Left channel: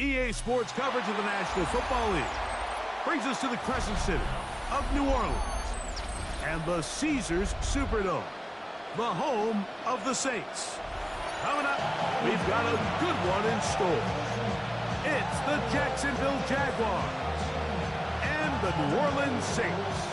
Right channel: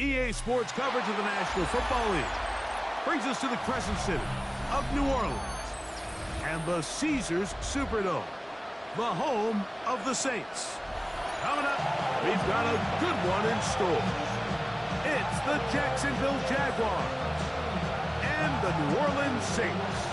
EA Sports coverage of the National Football League brings us to the Crescent City of New Orleans and the Caesars Superdome, the home of the Saints. Coming up, we've got a good one in store. It's the Jacksonville Jaguars and the New Orleans Saints.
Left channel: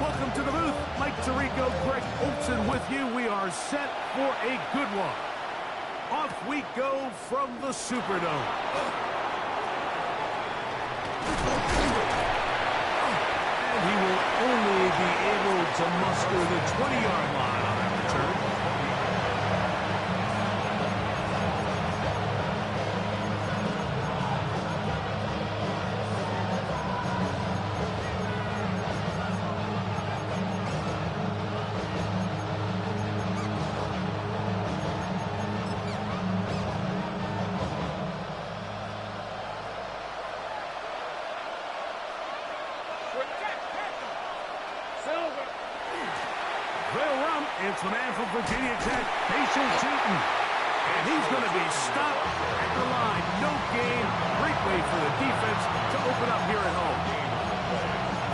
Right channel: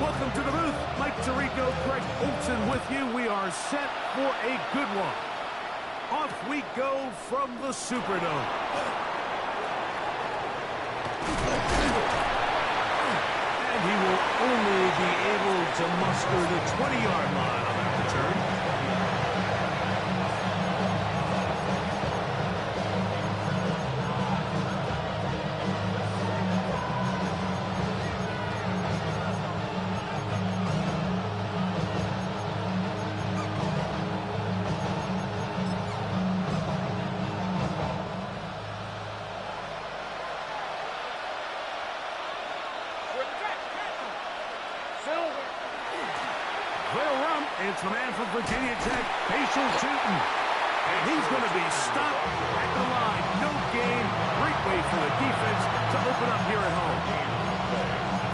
Welcome to the booth. Mike Tirico, Greg Olson with you. We are set for a good one. Off we go from the Superdome. And he will only be able to muster the 20-yard line on that return. It's the man from Virginia Tech, facial shooting. And he's going to be stopped at the line. No gain. Great way for the defense to open up here at home.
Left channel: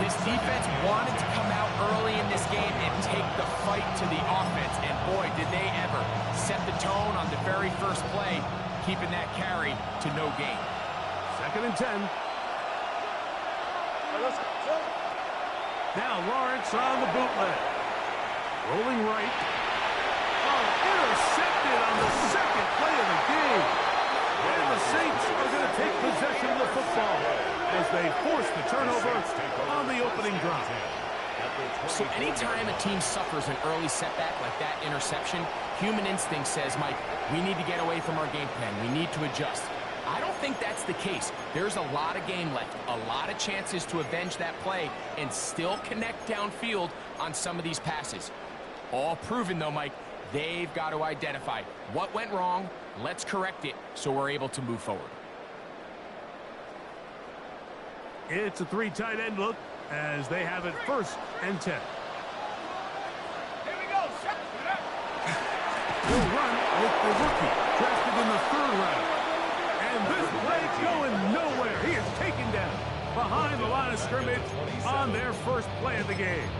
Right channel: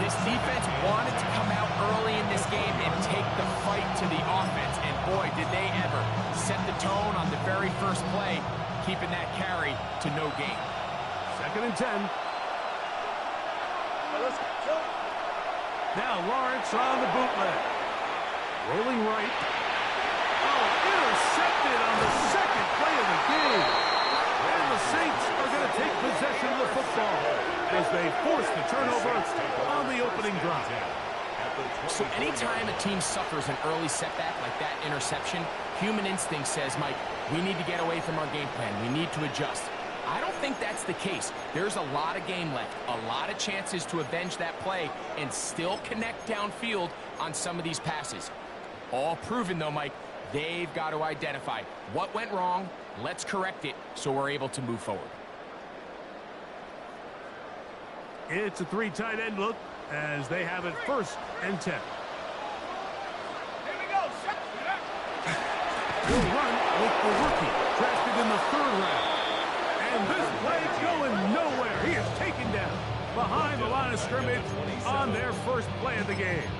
This defense wanted to come out early in this game and take the fight to the offense. And boy, did they ever set the tone on the very first play, keeping that carry to no gain. 2nd and 10. Now Lawrence on the bootleg. Rolling right. Oh, intercepted on the second play of the game. And the Saints are going to take possession of the football as they force the turnover on the opening drive. So anytime a team suffers an early setback like that interception, human instinct says, Mike, we need to get away from our game plan. We need to adjust. I don't think that's the case. There's a lot of game left, a lot of chances to avenge that play and still connect downfield on some of these passes. All proven, though, Mike, they've got to identify what went wrong. Let's correct it so we're able to move forward. It's a 3 tight end look as they have it 1st and 10. Here we go. He'll run with the rookie, drafted in the 3rd round. And this play's going nowhere. He is taken down behind the line of scrimmage on their first play of the game.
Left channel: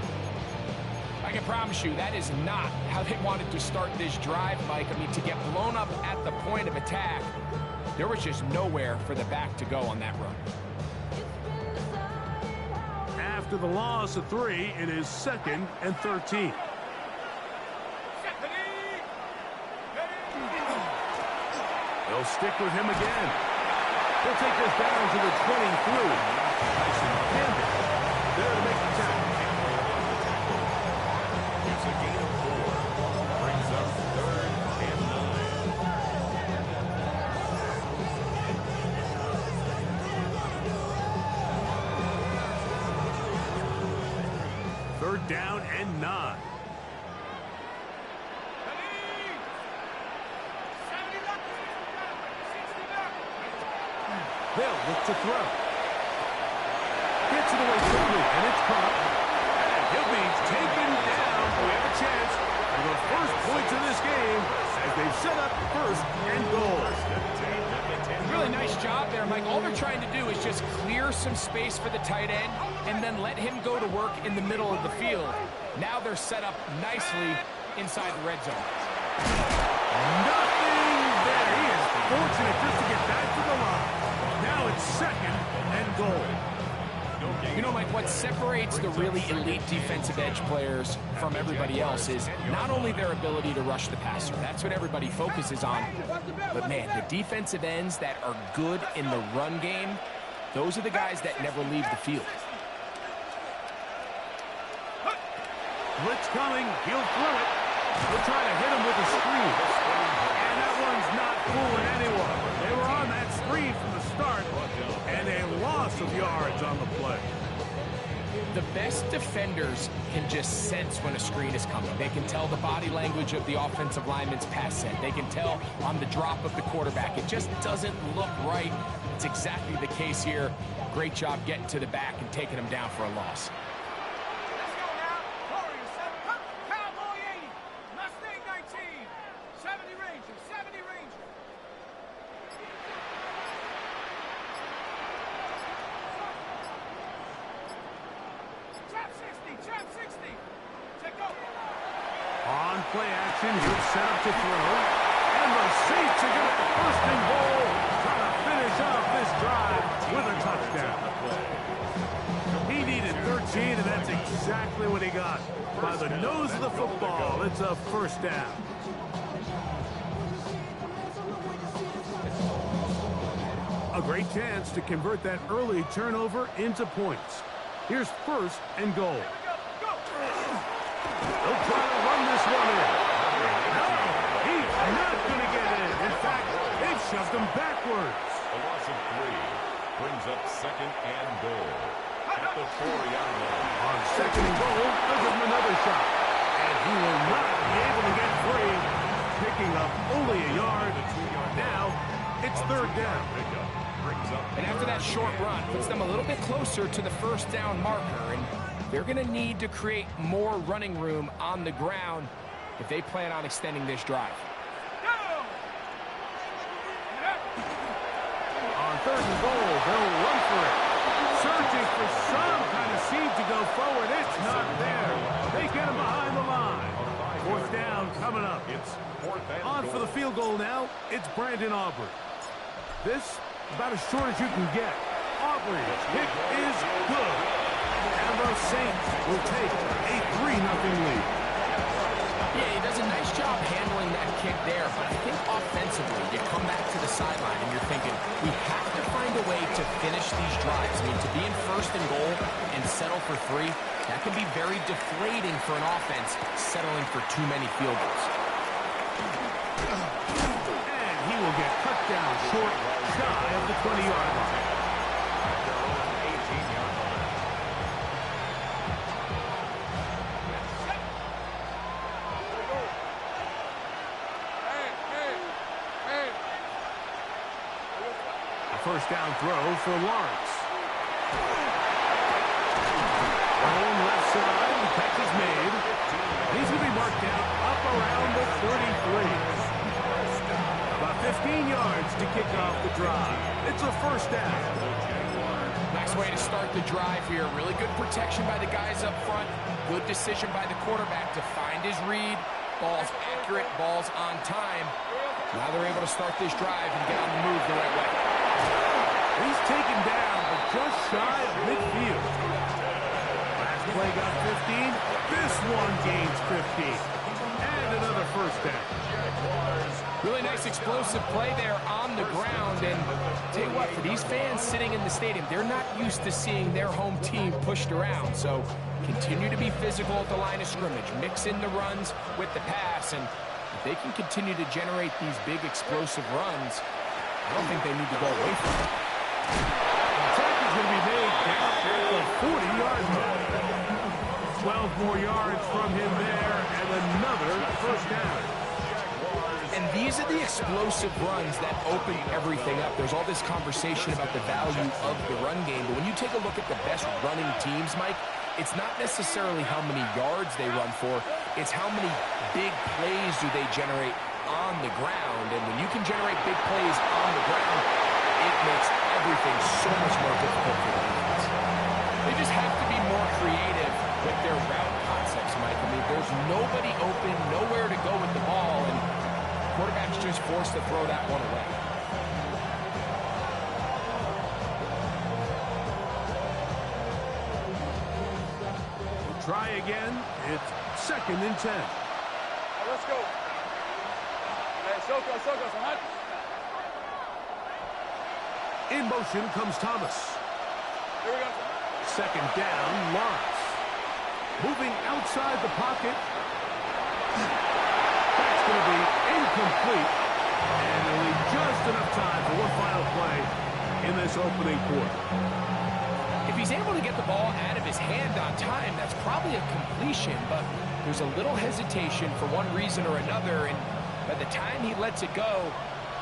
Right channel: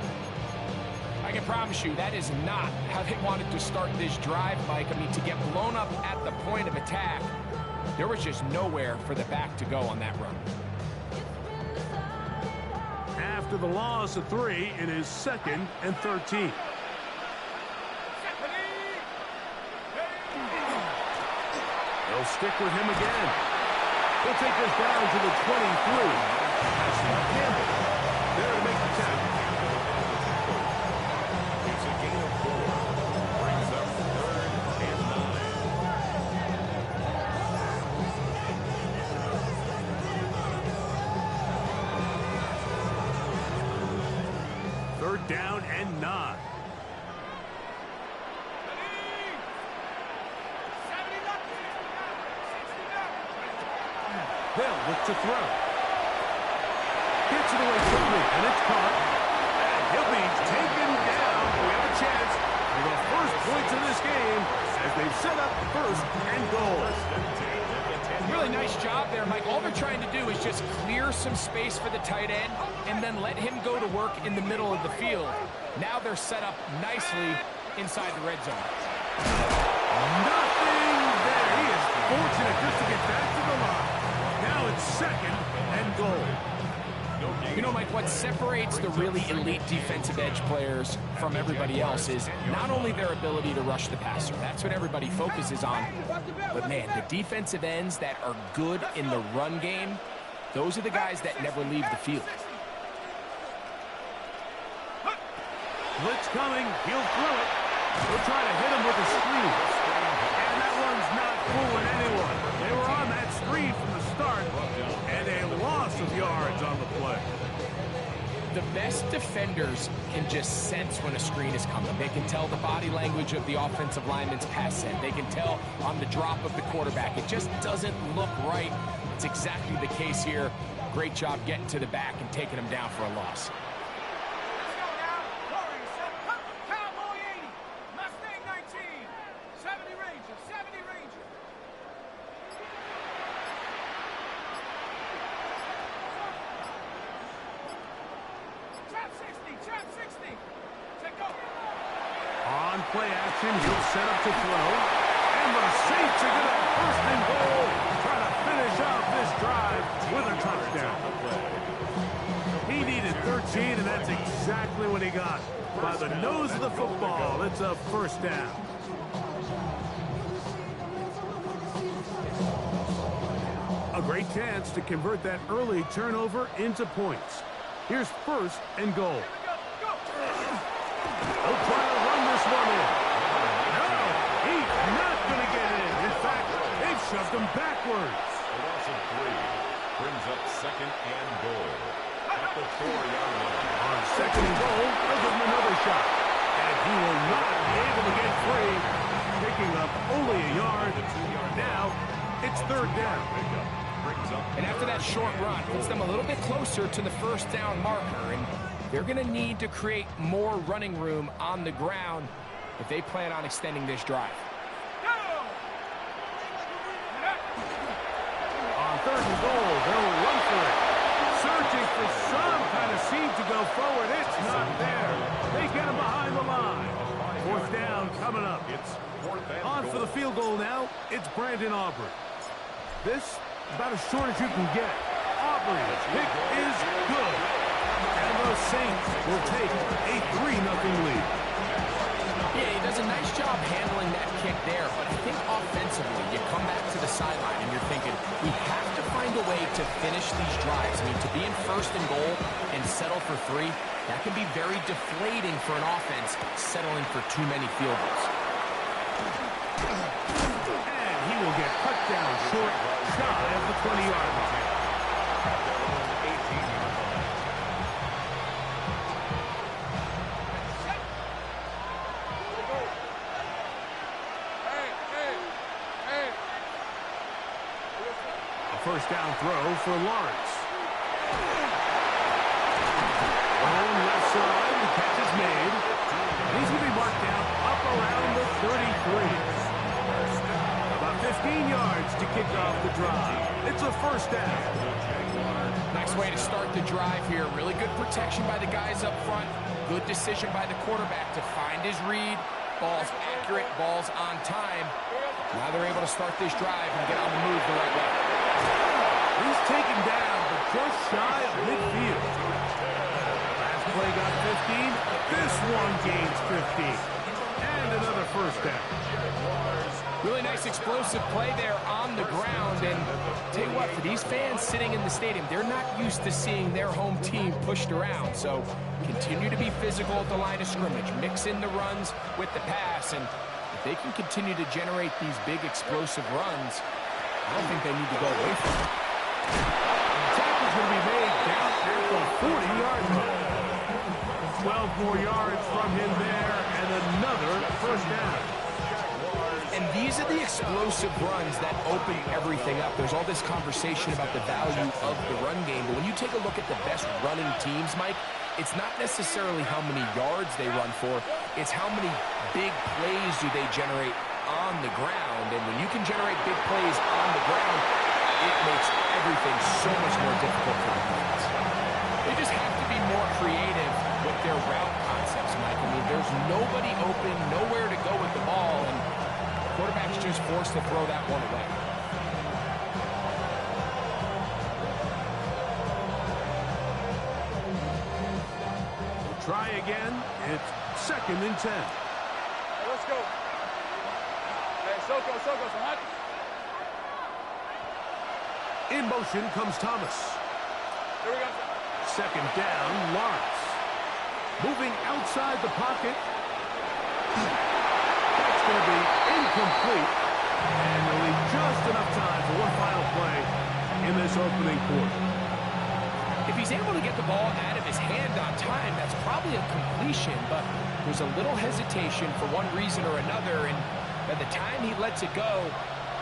I can promise you that is not how they wanted to start this drive, Mike. I mean, to get blown up at the point of attack, there was just nowhere for the back to go on that run. After the loss of 3, it is 2nd and 13. They'll stick with him again. He'll take this down to the 23. Tyson Campbell there to make the tackle. It's a gain of 4. Brings up 3rd and 9. 3rd down and 9. They'll look to throw. Gets it away quickly, and it's caught. And he'll be taken down. We have a chance for the first points of this game as they've set up 1st and goal. Really nice job there, Mike. All they're trying to do is just clear some space for the tight end and then let him go to work in the middle of the field. Now they're set up nicely inside the red zone. Nothing there. He is fortunate just to get back to the line. Now it's 2nd and goal. You know, Mike, what separates the really elite defensive edge players from everybody else is not only their ability to rush the passer. That's what everybody focuses on. But, man, the defensive ends that are good in the run game, those are the guys that never leave the field. Blitz coming. He'll throw it. He'll try to hit him with a screen. And that one's not fooling anyone. They were on that screen from the start, and a loss of yards on the play. The best defenders can just sense when a screen is coming. They can tell the body language of the offensive lineman's pass set. They can tell on the drop of the quarterback. It just doesn't look right. It's exactly the case here. Great job getting to the back and taking him down for a loss. Let's go now. Warriors 7. Cowboy 80. Mustang 19. 70 Ranger. 70 Ranger. Trap 60. Trap 60. Check go. On play action, he'll set up to throw. And the Saints are going to have first and goal. Trying to finish off this drive with a touchdown. He needed 13, and that's exactly what he got. By the nose of the football, it's a first down. A great chance to convert that early turnover into points. Here's first and goal. They'll try to run this one in. No, he's not going to get in. In fact, they've shoved him backwards. A loss of 3 brings up second and goal at the 4-yard line. On second and goal, they'll give him another shot. And he will not be able to get free. Picking up only a yard. Now, it's third down. And after that short run, puts them a little bit closer to the first down marker. And they're going to need to create more running room on the ground if they plan on extending this drive. On third and goal, they'll run for it. Searching for some kind of seed to go forward. It's not there. They get him behind the line. Fourth down coming up. It's fourth and On goal. for the field goal now, it's Brandon Aubrey. This, about as short as you can get. Aubrey's kick is good. And the Saints will take a 3-0 lead. Yeah, he does a nice job handling that kick there, but I think offensively, you come back to the sideline and you're thinking, we have to find a way to finish these drives. I mean, to be in first and goal and settle for 3, that can be very deflating for an offense settling for too many field goals. And he will get cut down short, shy of the 20-yard line. At their own 18-yard line. A first down throw for Lawrence. Own left side, the catch is made. And he's going to be marked down up around the 33. About 15 yards to kick off the drive. It's a first down. Nice way to start the drive here. Really good protection by the guys up front. Good decision by the quarterback to find his read. Ball's accurate, ball's on time. Now they're able to start this drive and get on the move the right way. He's taken down, but just shy of midfield. Last play got 15. This one gains 15. And another first down. Really nice explosive play there on the ground. And tell you what, for these fans sitting in the stadium, they're not used to seeing their home team pushed around. So continue to be physical at the line of scrimmage. Mix in the runs with the pass. And if they can continue to generate these big explosive runs, I don't think they need to go away from it. The tackle's going to be made down at the 40-yard line. 12 more yards from him there, and another first down. And these are the explosive runs that open everything up. There's all this conversation about the value of the run game, but when you take a look at the best running teams, Mike, it's not necessarily how many yards they run for, it's how many big plays do they generate on the ground. And when you can generate big plays on the ground, it makes everything so much more difficult for the defense. They just have to be more creative with their route concepts, Mike. I mean, there's nobody open, nowhere to go with the ball, and quarterback's just forced to throw that one away. We'll try again. It's second and 10. Hey, let's go. Hey, Soko, so hot. In motion comes Thomas. Here we go. Second down, Lawrence. Moving outside the pocket. That's going to be incomplete. And they'll leave just enough time for one final play in this opening quarter. If he's able to get the ball out of his hand on time, that's probably a completion, but there's a little hesitation for one reason or another, and by the time he lets it go,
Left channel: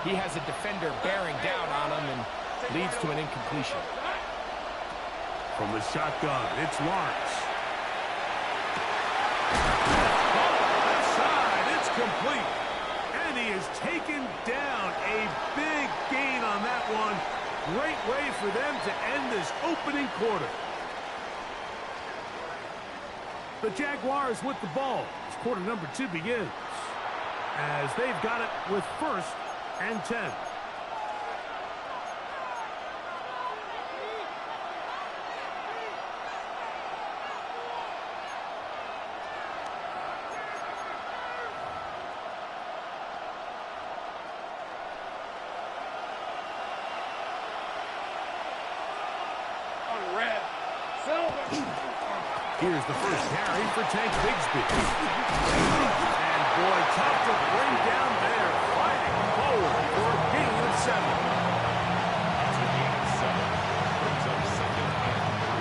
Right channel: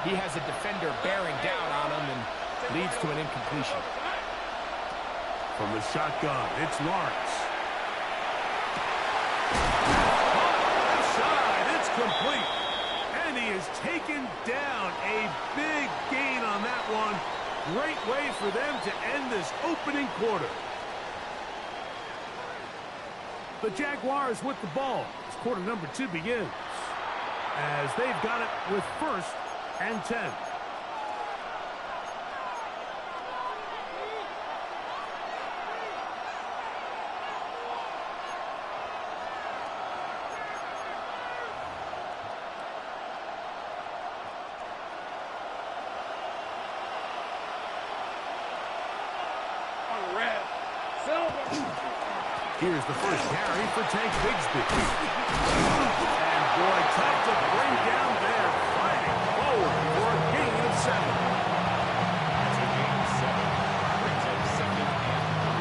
he has a defender bearing down on him and leads to an incompletion. From the shotgun, it's Lawrence. Left side, it's complete. And he is taken down. A big gain on that one. Great way for them to end this opening quarter. The Jaguars with the ball as quarter number 2 begins. As they've got it with 1st and 10. Here's the first carry for Tank Bigsby. And boy, tough to bring down there. Fighting forward for a gain of 7. It's a gain of 7. Brings up 2nd and 3.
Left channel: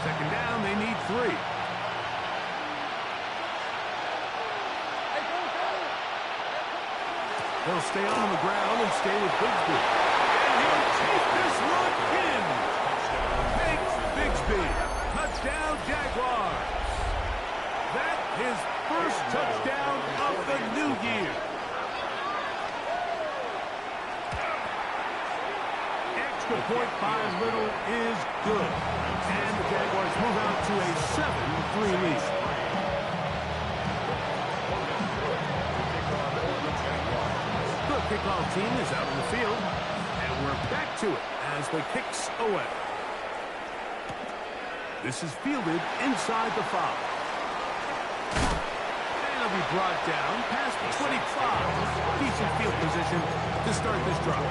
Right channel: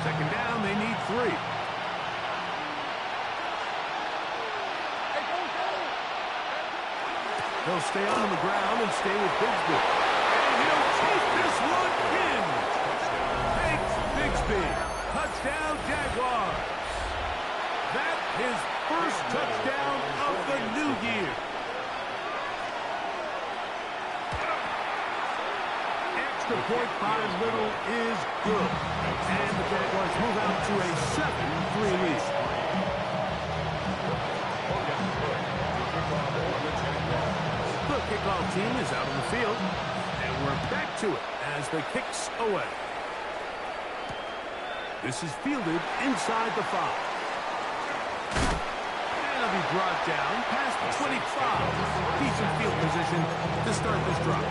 Second down, they need 3. They'll stay on the ground and stay with Bigsby. And he'll take this one in. Tank Bigsby. Touchdown, Jaguars. That's his first touchdown of the new year. Extra point by Little is good. And the Jaguars move out to a 7-3 lead. The kickoff team is out on the field. And we're back to it as the kick's away. This is fielded inside the 5. And it'll be brought down past the 25. Decent field position to start this drive.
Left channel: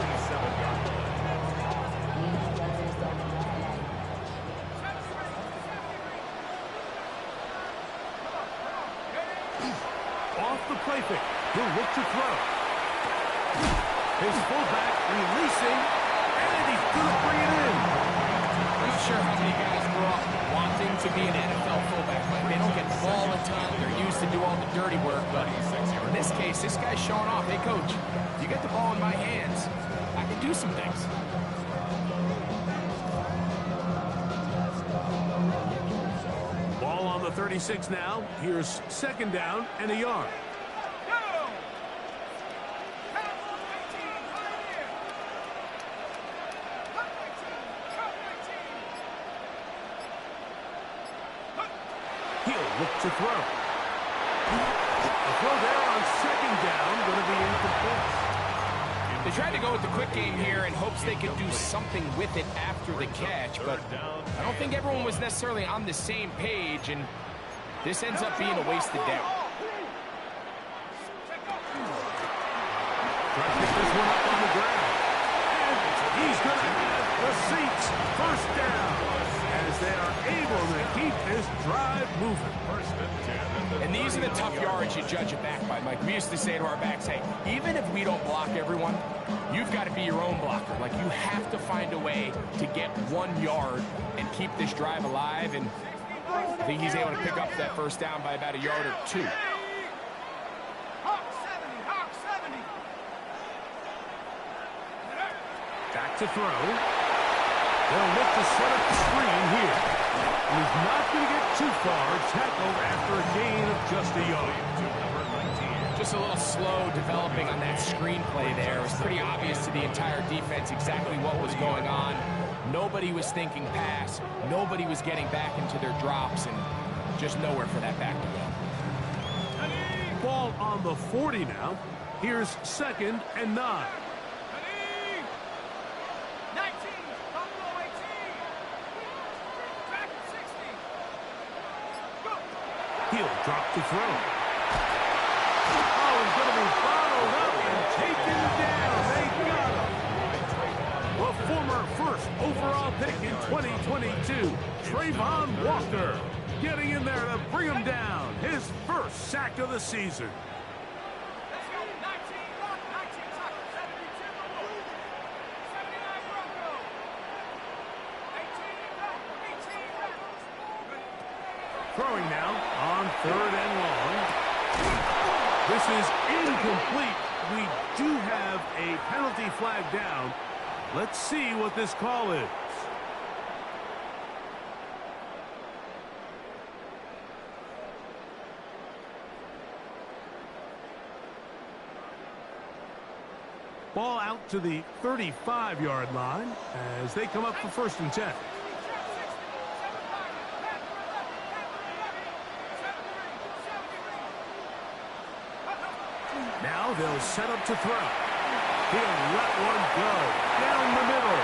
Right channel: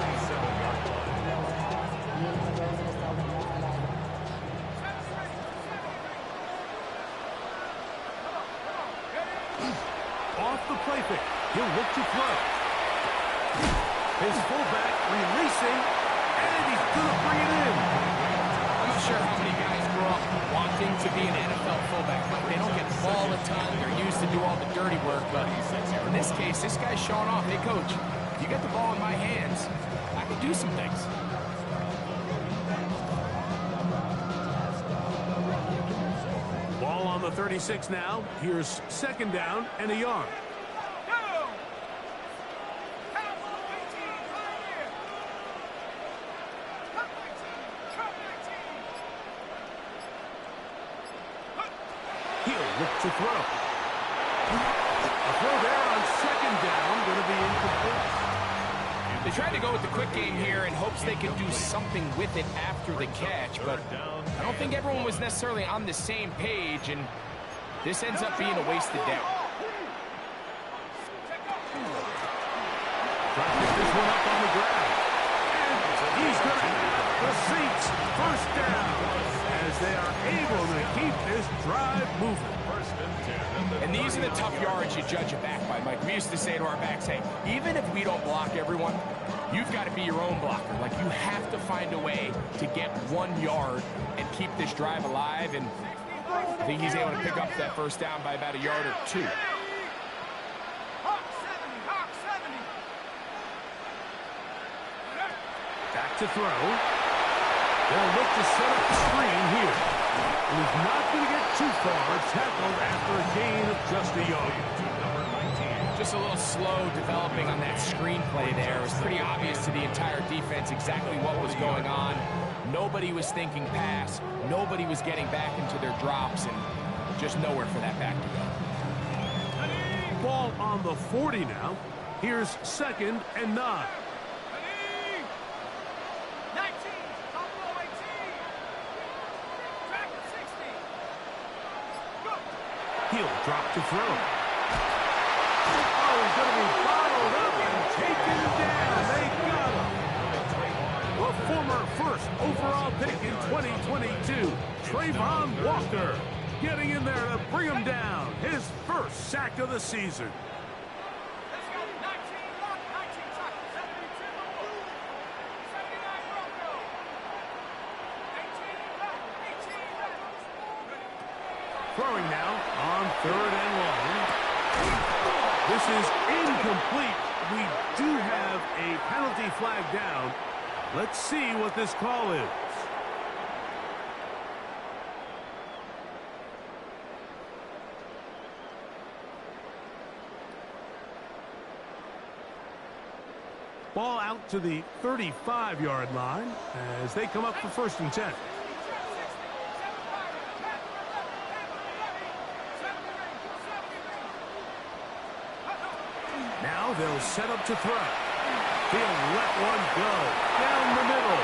Off the play fake. He'll look to throw. His fullback releasing, and he's going to bring it in. I'm not sure how many guys grow up wanting to be an NFL fullback. Like, they don't get the ball a ton. They're used to do all the dirty work. But in this case, this guy's showing off. Hey, coach, you get the ball in my hands, I can do some things. Ball on the 36 now. Here's 2nd down and a yard. Look to throw. The throw there on 2nd down, going to be incomplete. They tried to go with the quick game here in hopes they could do something with it after the catch, but I don't think everyone was necessarily on the same page, and this ends up being a wasted down. Try to pick this one up on the ground. And he's going to have the Saints 1st down as they are able to keep this drive moving. 1st and 10. And these are the tough yards you judge a back by, Mike. We used to say to our backs, hey, even if we don't block everyone, you've got to be your own blocker. Like, you have to find a way to get 1 yard and keep this drive alive, and I think he's able to pick up that 1st down by about a yard or 2. Hawk 70. Back to throw. They'll look to set up the screen here. And he's not going to get too far. Tackled after a gain of just a yard. To number 19. Just a little slow developing on that screenplay there. It was pretty obvious to the entire defense exactly what was going on. Nobody was thinking pass. Nobody was getting back into their drops, and just nowhere for that back to go. Ball on the 40 now. Here's 2nd and 9. 19, Buffalo 18. Back at 60. Go. He'll drop to throw. Oh, he's going to be bottled up and taken down. They got him. The former 1st overall pick in 2022, Trayvon Walker, getting in there to bring him down. His 1st sack of the season. Let's go. 19, lock, 19, tackle, 72. throwing now on 3rd and long. This is incomplete. We do have a penalty flag down. Let's see what this call is. Ball out to the 35-yard line as they come up for 1st and 10. Now they'll set up to throw. He'll let one go down the middle.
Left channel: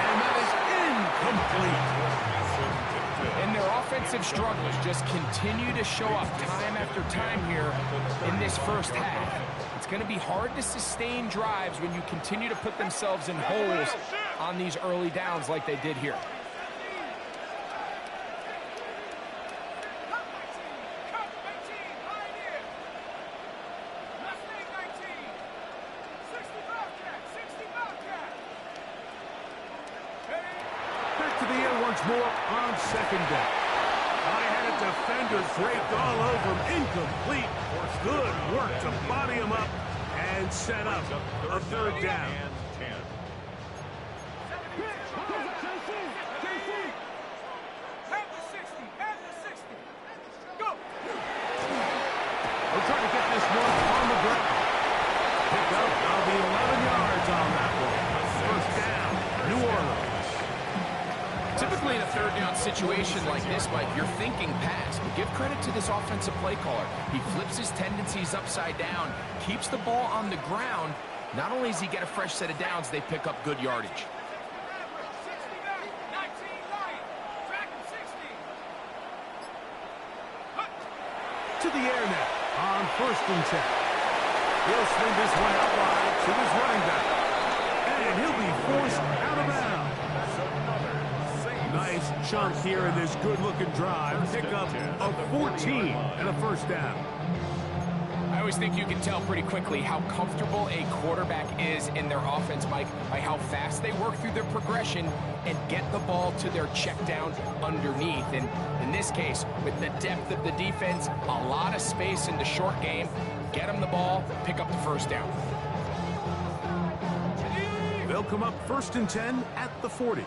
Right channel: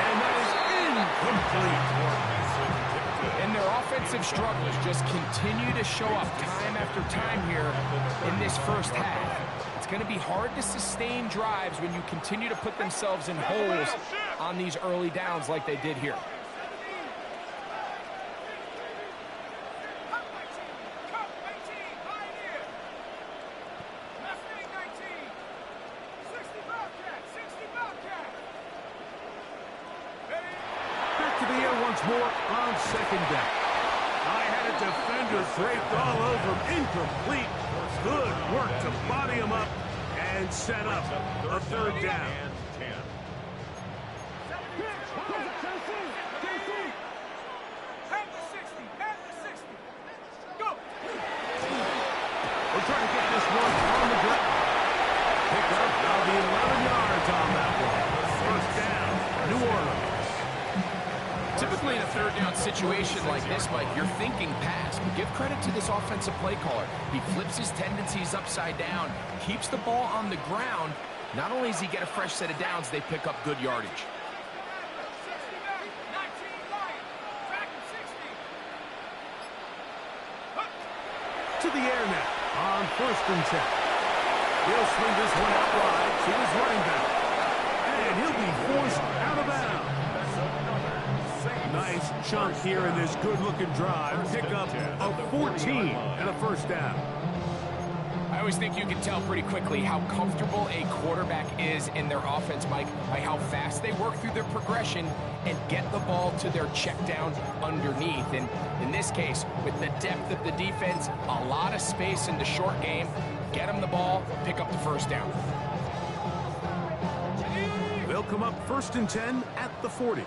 And that is incomplete. And their offensive struggles just continue to show up time after time here in this first half. It's going to be hard to sustain drives when you continue to put themselves in holes on these early downs like they did here. Back to the air once more on 2nd down. I had a defender draped all over him. Incomplete. Good work to body him up and set up a 3rd down. And 10. We'll try to get this one on the ground. Pick up now the 11 yards on that one. 1st down, New Orleans. Typically in a 3rd down situation like this, Mike, you're thinking pass. But give credit to this offensive play caller. He flips his tendencies upside down, keeps the ball on the ground. Not only does he get a fresh set of downs, they pick up good yardage. To the air now on 1st and 10. He'll swing this one out wide to his running back. And he'll be forced out of bounds. Nice chunk here in this good-looking drive. Pick up a 14 and a 1st down. I always think you can tell pretty quickly how comfortable a quarterback is in their offense, Mike, by how fast they work through their progression and get the ball to their check down underneath. And in this case, with the depth of the defense, a lot of space in the short game, get them the ball, pick up the 1st down. They'll come up 1st and 10 at the 40.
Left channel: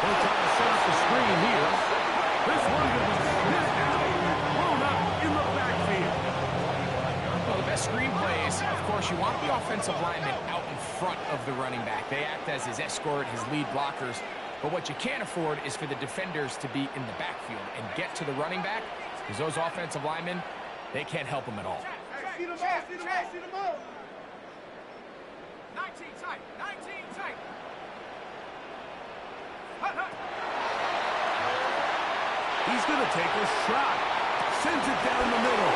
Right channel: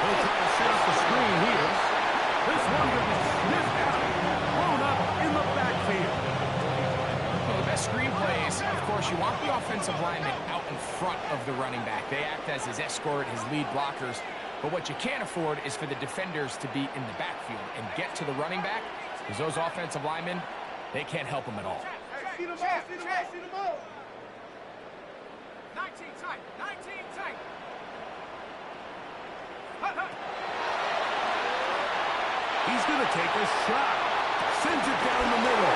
They'll try to set up the screen here. This one will be sniffed out, blown up in the backfield. Well, the best screen plays, of course, you want the offensive lineman out in front of the running back. They act as his escort, his lead blockers. But what you can't afford is for the defenders to be in the backfield and get to the running back, because those offensive linemen, they can't help them at all. See them up, see them up, see them up. 19 tight, 19 tight. He's going to take a shot. Sends it down the middle.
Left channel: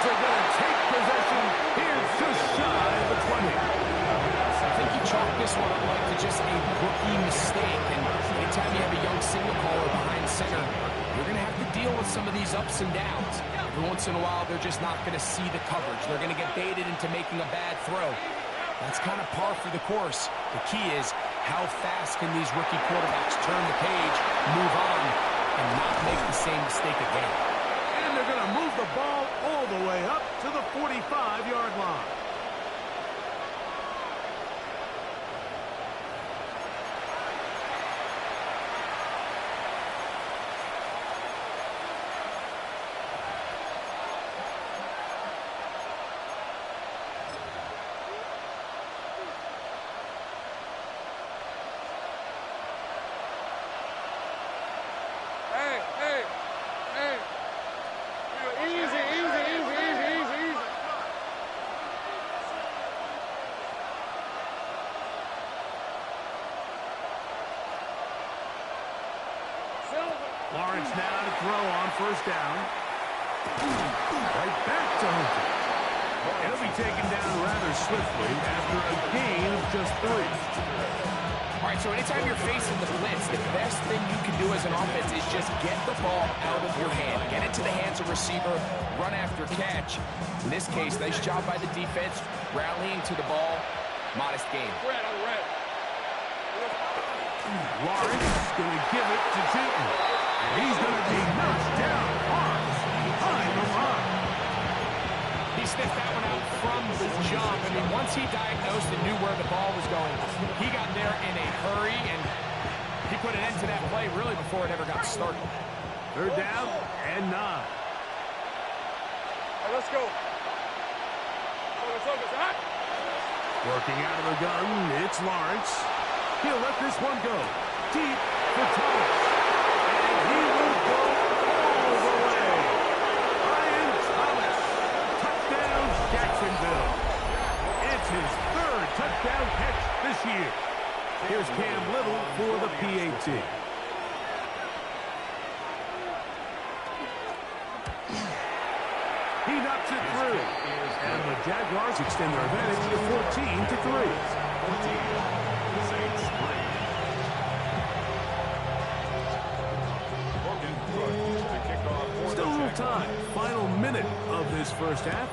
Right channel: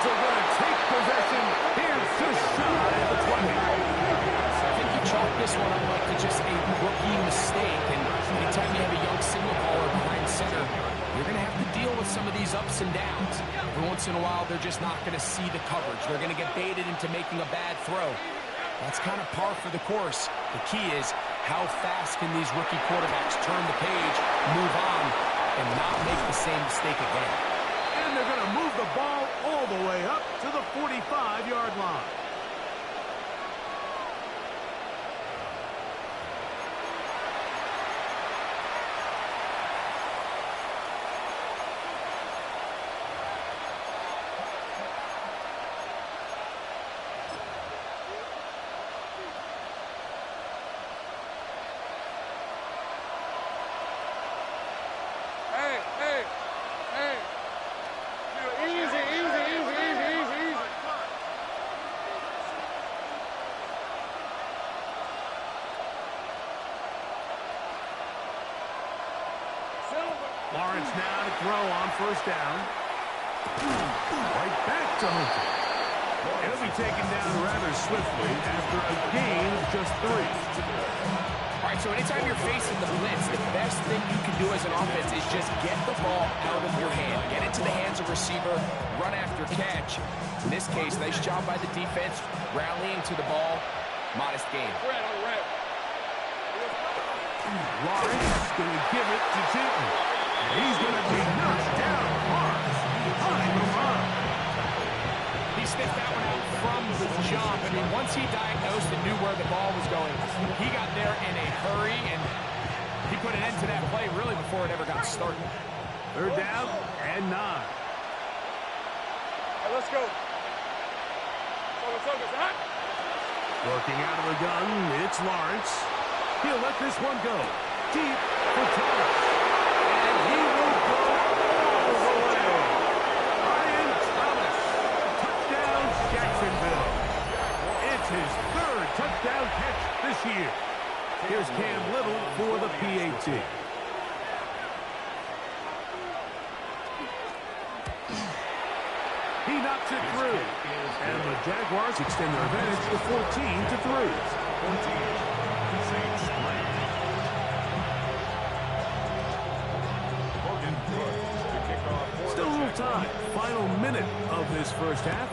They're going to take possession. Here's just shy of the 20. I think you chalk this one up like to just a rookie mistake. And anytime you have a young signal caller behind center, you're going to have to deal with some of these ups and downs. Every once in a while, they're just not going to see the coverage. They're going to get baited into making a bad throw. That's kind of par for the course. The key is how fast can these rookie quarterbacks turn the page, move on, and not make the same mistake again. And they're going to move the ball all the way up to the 45-yard line. Lawrence now to throw on 1st down. Right back to Hunter. And he'll be taken down rather swiftly after a gain of just 3. All right, so anytime you're facing the blitz, the best thing you can do as an offense is just get the ball out of your hand. Get it to the hands of receiver, run after catch. In this case, nice job by the defense, rallying to the ball. Modest gain. Lawrence going to give it to Tinton. And he's going to be knocked down hard behind the line. He sniffed that one out from the jump. I mean, once he diagnosed and knew where the ball was going, he got there in a hurry, and he put an end to that play really before it ever got started. 3rd down and 9. Hey, let's go. Working out of the gun, it's Lawrence. He'll let this one go. Deep for Thomas. And he will go all the way. Brian Thomas. Touchdown, Jacksonville. It's his 3rd touchdown catch this year. Here's Cam Little for the PAT. He knocks it through. And the Jaguars extend their advantage to 14-3. 14. Saints 3. Morgan Cook to kick off for Still a the little Jaguars. time. Final minute of this first half.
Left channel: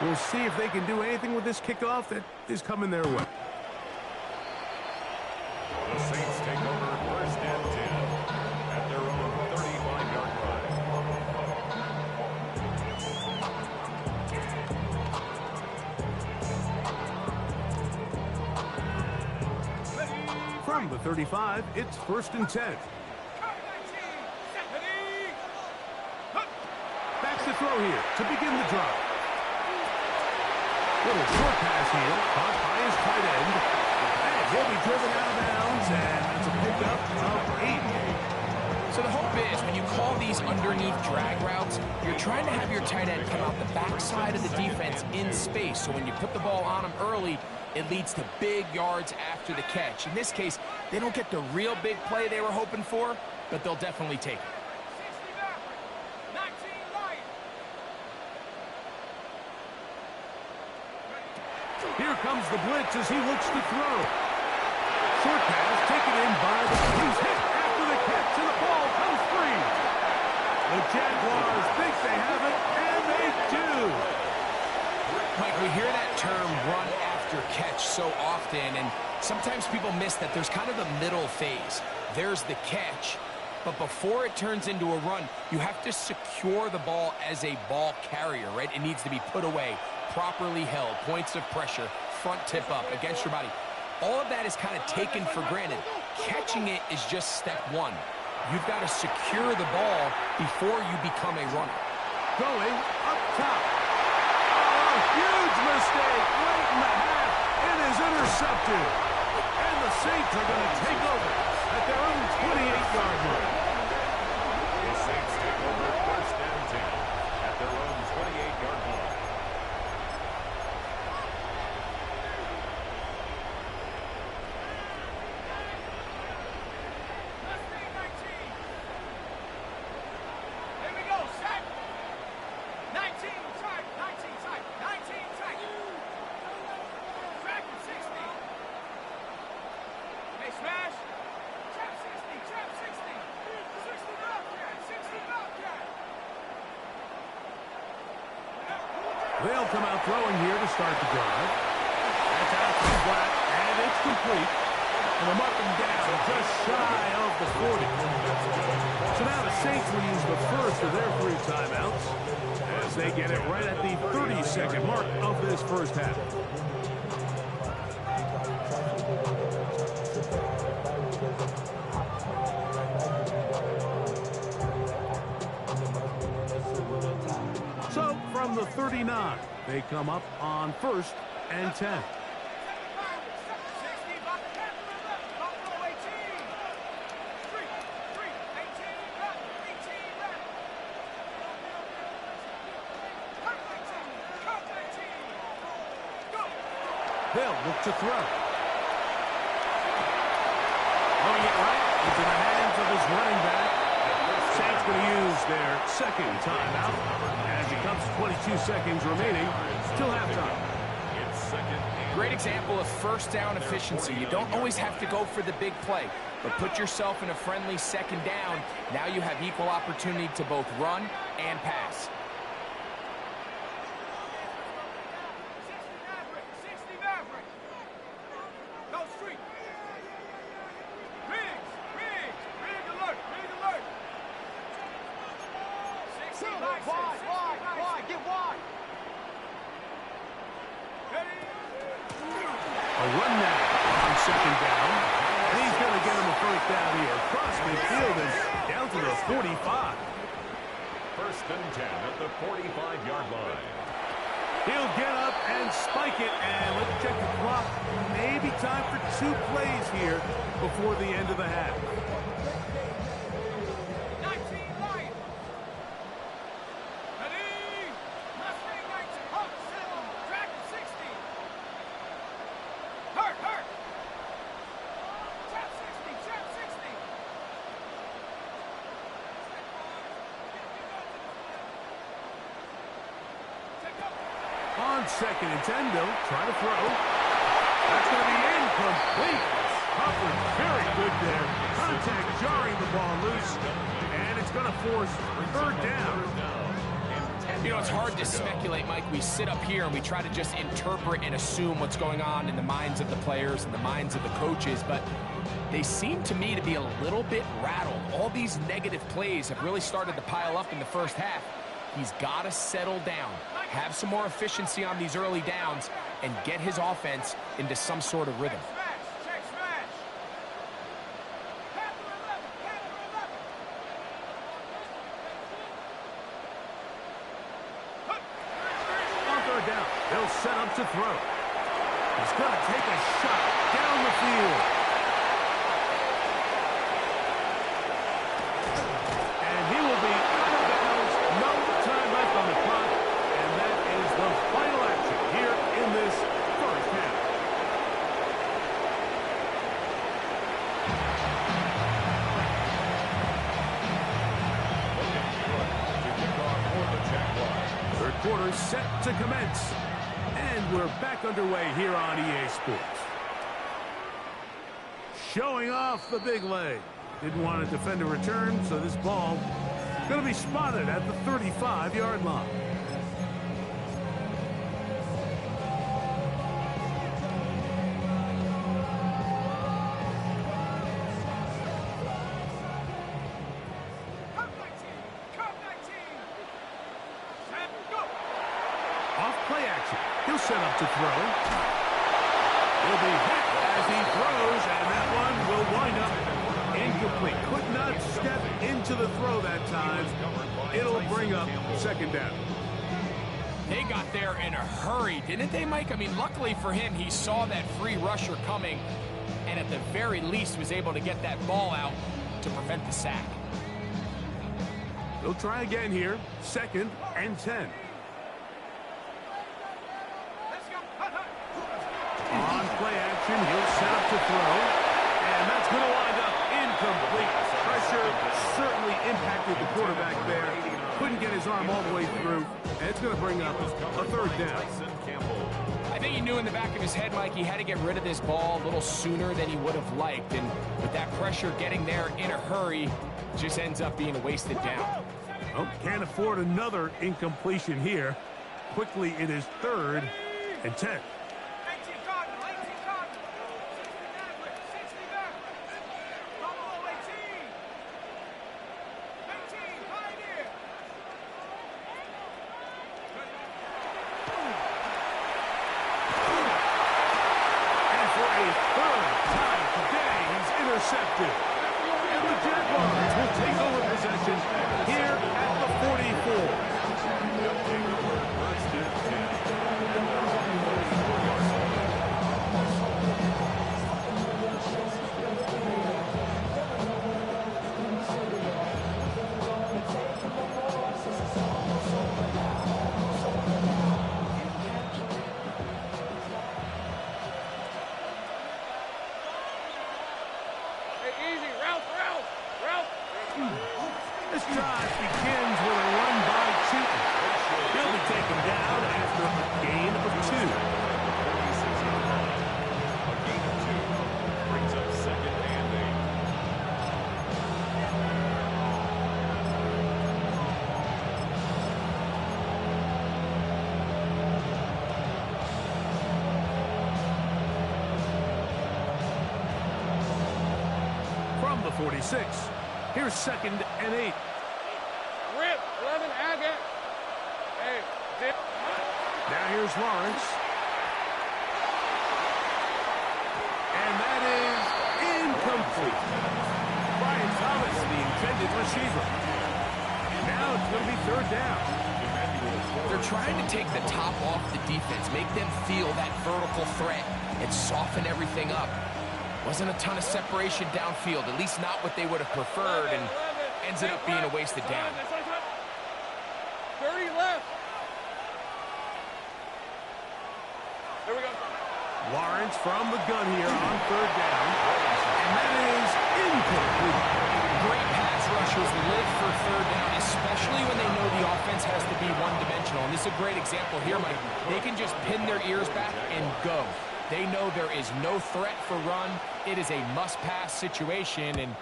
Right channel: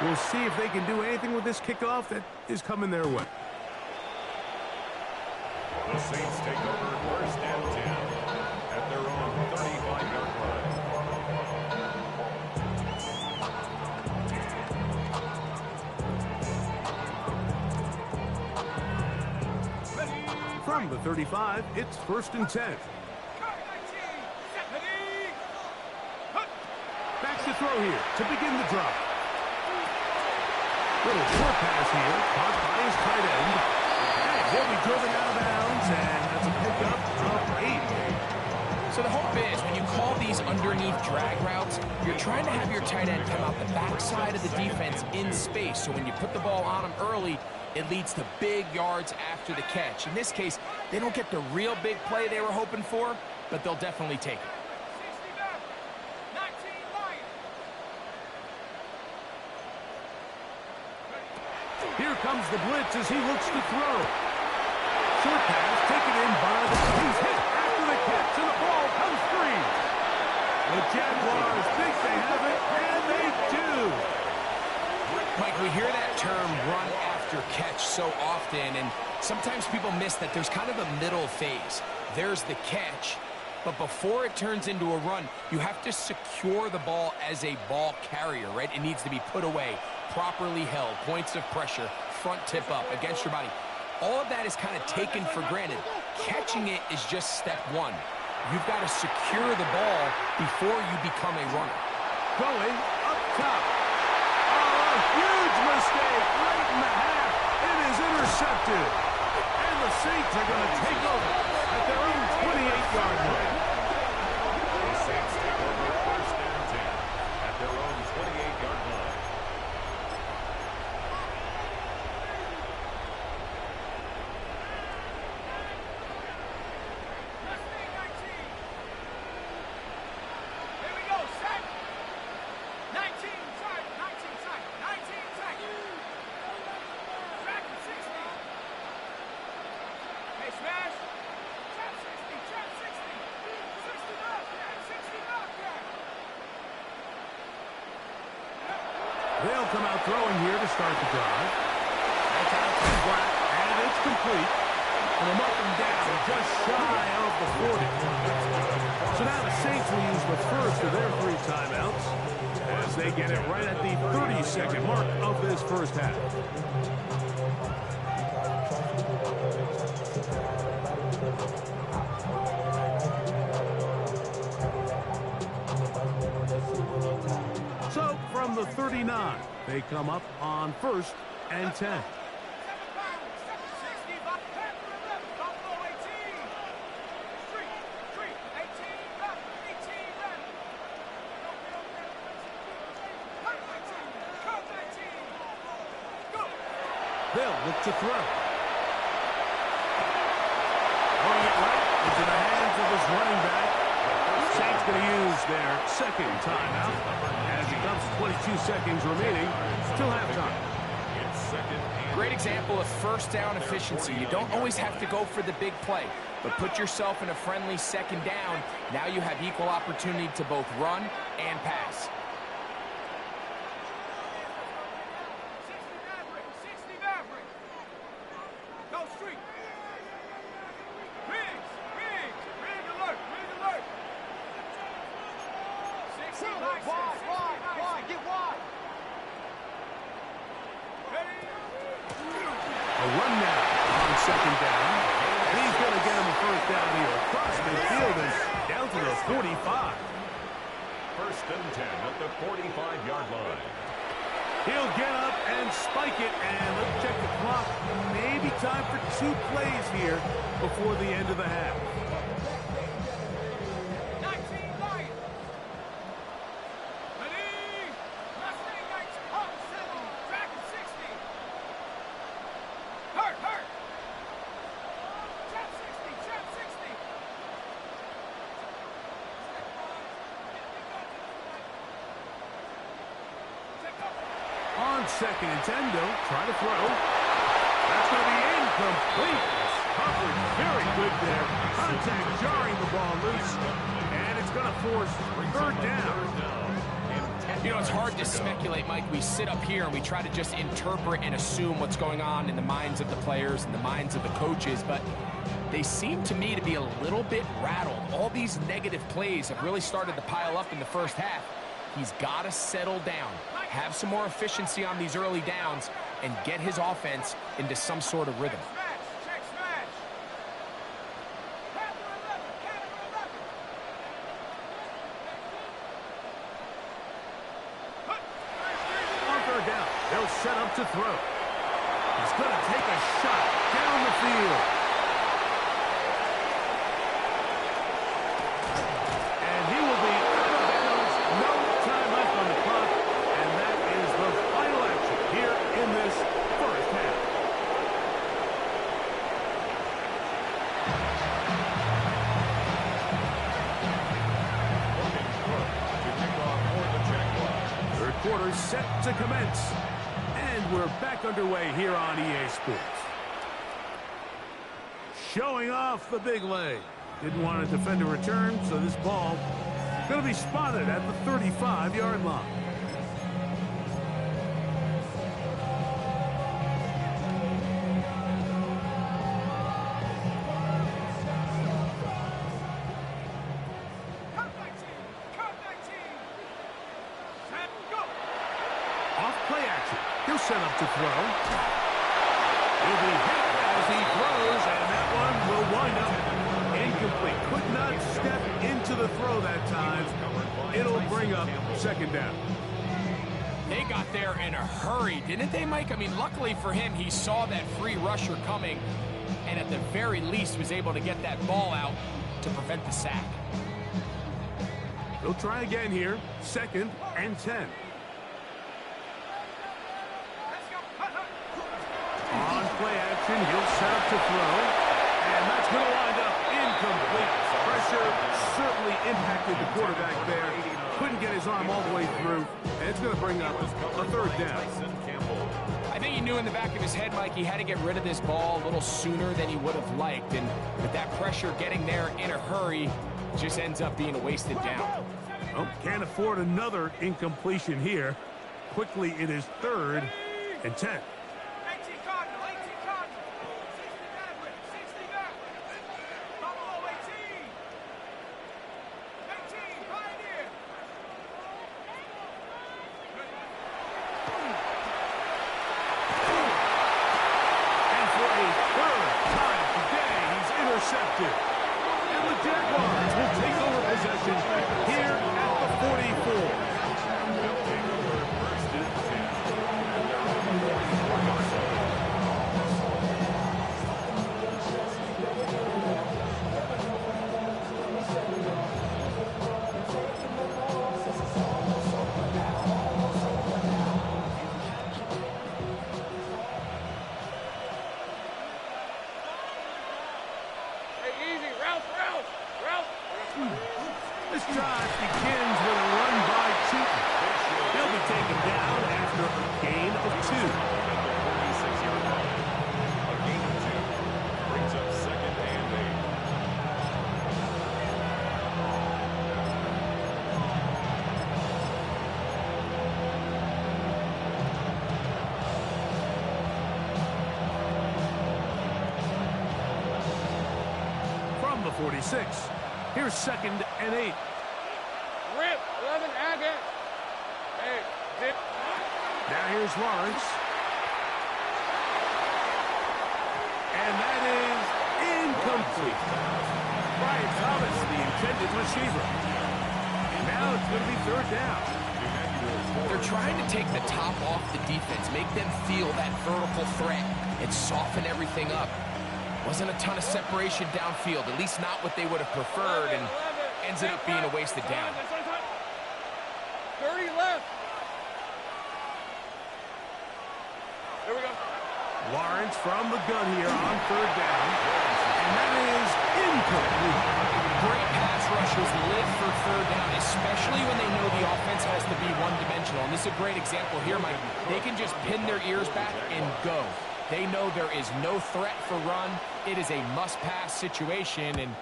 We'll see if they can do anything with this kickoff that is coming their way. The Saints take over 1st and 10 at their own 35-yard line. From the 35, it's 1st and 10. Backs to throw here to begin the drive. Little short pass here, caught by his tight end. And he'll be driven out of bounds, and that's a pickup of 8. So the hope is when you call these underneath drag routes, you're trying to have your tight end come out the backside of the defense in space. So when you put the ball on him early, it leads to big yards after the catch. In this case, they don't get the real big play they were hoping for, but they'll definitely take it. 60 Maverick, 19 Lion. Here comes the blitz as he looks to throw. Short pass taken in by the... He's hit after the catch, and the ball comes free. The Jaguars think they have it, and they do. Mike, we hear that term run after catch so often, and sometimes people miss that there's kind of a middle phase. There's the catch, but before it turns into a run, you have to secure the ball as a ball carrier, right? It needs to be put away, properly held, points of pressure, front tip up against your body. All of that is kind of taken for granted. Catching it is just step one. You've got to secure the ball before you become a runner. Going up top. Oh, a huge mistake late in the half. It is intercepted. And the Saints are going to take over at their own 28-yard line. The Saints take over 1st and 10 at their own 28-yard line. Mustang 19. Here we go, set. 19 tight, 19 tight, 19 tight. Track 60. Hey, smash. Trap 60, trap 60. 60 Bobcat, 60 Bobcat. They'll come out throwing here to start the drive. That's out to the flat, and it's complete. And they'll mark them down just shy of the 40. So now the Saints will use the first of their 3 timeouts as they get it right at the 30-second mark of this first half. So from the 39, they come up on 1st and 10. 7 Pirates, 60 Bobcat, 11, Buffalo 18. Street, 18, Raptor, 18, Raptor. Kurt 19, Kurt 19. Go. They'll look to throw. Throwing it right into the hands of his running back. Saints going to use their second timeout as it comes to 22 seconds remaining till halftime. Great example of first down efficiency. You don't always have to go for the big play, but put yourself in a friendly second down. Now you have equal opportunity to both run and pass. 60 Maverick. Go street. Rig alert. 60 license. Wide. Get wide. A run now on second down. And he's going to get him a first down here across midfield and down to the 45. First and 10 at the 45-yard line. He'll get up and spike it, and let's check the clock. Maybe time for 2 plays here before the end of the half. 19 Lions. Ready. Mustang 19. Hawk 70. Dragon 60. Hurt. Trap 60. Take up. On second and 10, they'll try to throw. That's going to be incomplete. Coverage very good there. Contact jarring the ball loose. And it's going to force third down. You know, it's hard to speculate, Mike. We sit up here and we try to just interpret and assume what's going on in the minds of the players and the minds of the coaches, but they seem to me to be a little bit rattled. All these negative plays have really started to pile up in the first half. He's got to settle down, have some more efficiency on these early downs, and get his offense into some sort of rhythm. Check smash. Panther 11. On third down, they'll set up to throw. He's going to take a shot down the field. And he will be out of bounds. No time left on the clock. And that is the final action here in this first half. Looking good to kick off for the Jaguars. Third quarter set to commence. And we're back underway here on EA Sports. Showing off the big leg. Didn't want to defend a return, so this ball going to be spotted at the 35-yard line. Cup 19. Set, go. Off play action. He'll set up to throw. He'll be hit as he throws, and that one will wind up incomplete. Could not step into the throw that time. It'll bring up second down. They got there in a hurry, didn't they, Mike? I mean, luckily for him, he saw that free rusher coming, and at the very least was able to get that ball out to prevent the sack. They'll try again here. Second and 10. Let's go. Hut. On play action, he'll set up to throw. And that's going to wind up incomplete. Pressure certainly impacted the quarterback there. Couldn't get his arm all the way through. And it's going to bring up a third down. I think he knew in the back of his head, Mike, he had to get rid of this ball a little sooner than he would have liked. And with that pressure getting there in a hurry, just ends up being a wasted down. Oh, can't afford another incompletion here. Quickly, it is third and 10. 18 Cardinal. 60 Maverick. Buffalo 18. 18 Pioneer. And for a third time today, he's intercepted. And the Jaguars will take over possession here at the 44. They'll take over first and 10. And they're on the 44-yard line. Hey, easy. Ralph. This drive begins with a run by Tootin. He'll be taken down after a gain of 2. At the 46-yard line. A gain of 2 brings up 2nd and 8. From the 46, here's 2nd and 8. Rip, 11, Agate. Hey, dip. Now here's Lawrence. And that is incomplete. Brian Thomas, the intended receiver. Now it's going to be 3rd down. They're trying to take the top off the defense, make them feel that vertical threat, and soften everything up. Wasn't a ton of separation downfield, at least not what they would have preferred, and ends up being a wasted down. 30 left. There we go. Lawrence from the gun here on 3rd down. And that is incomplete. Great pass rushers live for 3rd down, especially when they know the offense has to be one-dimensional. And this is a great example here, Mike. They can just pin their ears back and go. They know there is no threat for run. It is a must-pass situation, and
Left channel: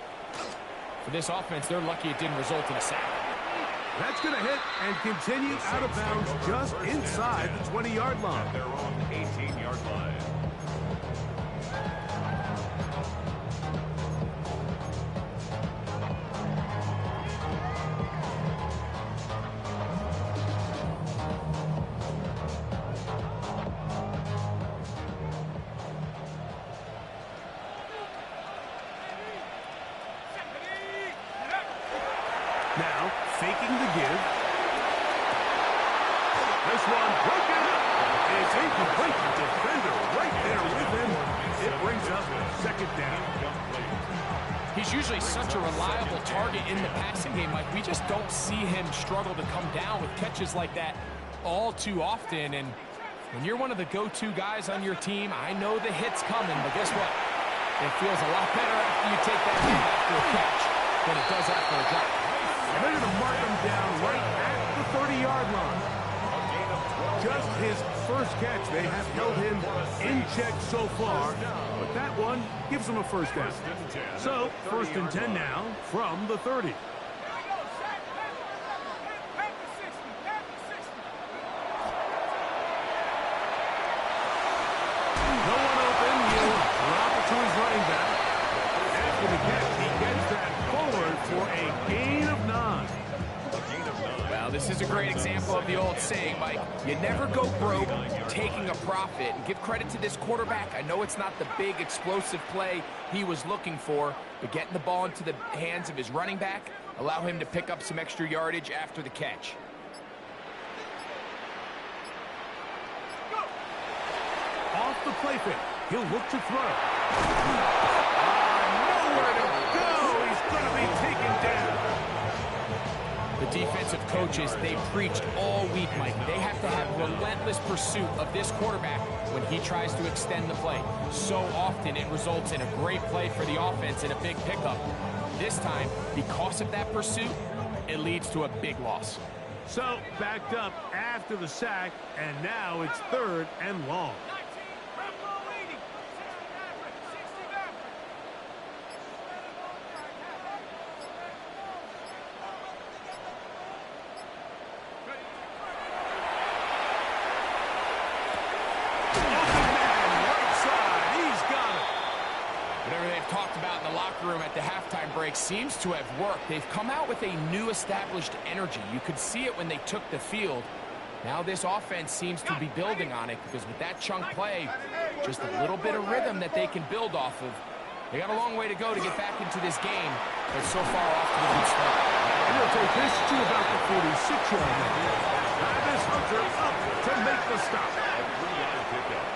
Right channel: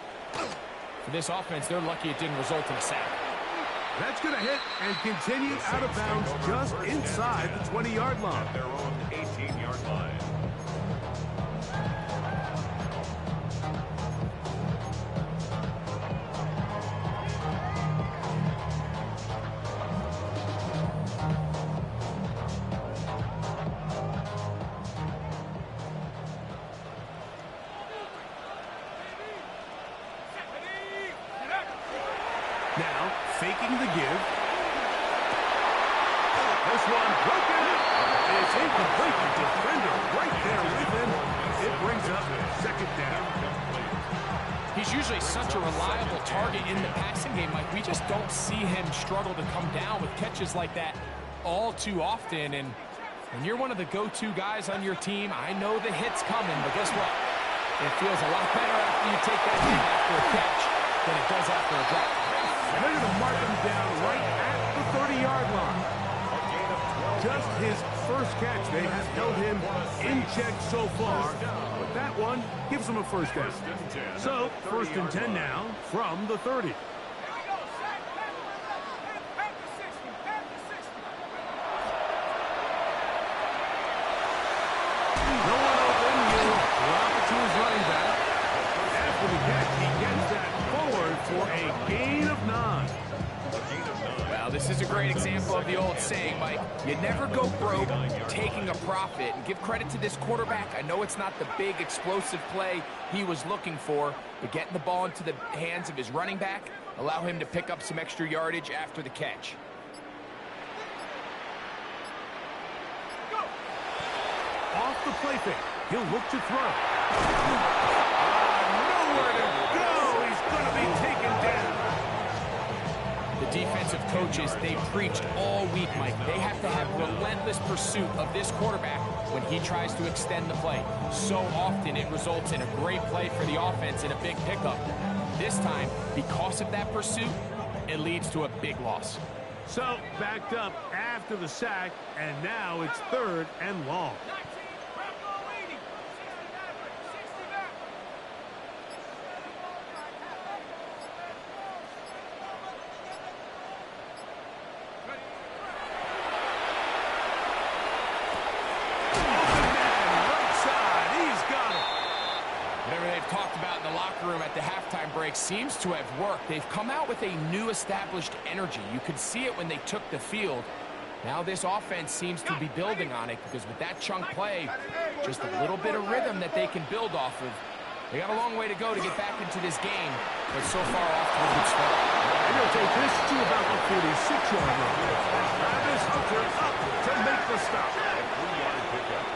for this offense, they're lucky it didn't result in a sack. That's going to hit and continue out of bounds just inside the 20-yard line. At their own 18-yard line. Now, faking the give. This one broken up. It's incomplete. The defender right there with him. It brings up 2nd down. He's usually such a reliable target in the passing game, Mike. We just don't see him struggle to come down with catches like that all too often. And when you're one of the go-to guys on your team, I know the hit's coming, but guess what? It feels a lot better after you take that hit after a catch than it does after a drop. And they're going to mark him down right at the 30-yard line. Just his first catch. They have held him in check so far, but that one gives him a 1st down. So, 1st and 10 now from the 30. Here we go, Shaq. Pass the 60. Pass the 60. No one open. He'll drop it to his running back. After the catch, he gets that forward for a gain of 9. Well, this is a great example of the old saying, Mike. You never go broke taking a profit. And give credit to this quarterback. I know it's not the big explosive play he was looking for, but getting the ball into the hands of his running back, allow him to pick up some extra yardage after the catch. Off the play fake. He'll look to throw. Nowhere to go. He's going to be taken down. The defensive coaches, they preached all week, Mike. They have to have relentless pursuit of this quarterback when he tries to extend the play. So often it results in a great play for the offense and a big pickup. This time, because of that pursuit, it leads to a big loss. So, backed up after the sack, and now it's 3rd and long. 19, Bravo 80. 60 Maverick. 60 Maverick. Open man, right side. He's got it. Whatever they've talked about in the locker room at the halftime break seems to have worked. They've come out with a new established energy. You could see it when they took the field. Now this offense seems to be building on it because with that chunk play, just a little bit of rhythm that they can build off of. They got a long way to go to get back into this game, but so far off to a good start. And he'll take this to about the 46-yard line. Travis Hunter up to make the stop. A 3-yard pickup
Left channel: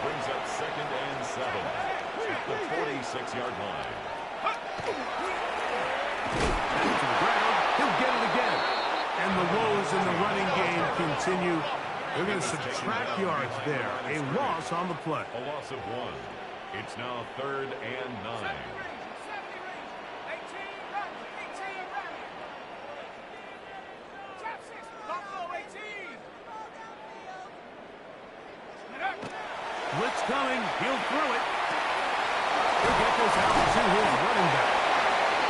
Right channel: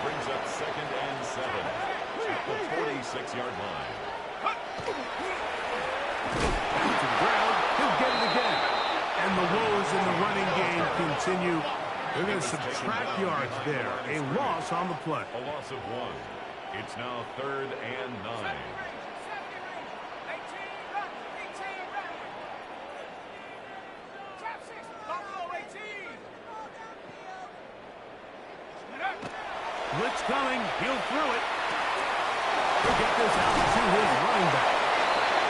brings up 2nd and 7 at the 46-yard line. Back to the ground. He'll get it again. And the woes in the running game continue. They're going to subtract yards there. A loss on the play. A loss of 1. It's now 3rd and 9. 70 Ranger. 18 Ranger. 18 Ranger. Blitz coming. He'll throw it. He'll get this out to his running back.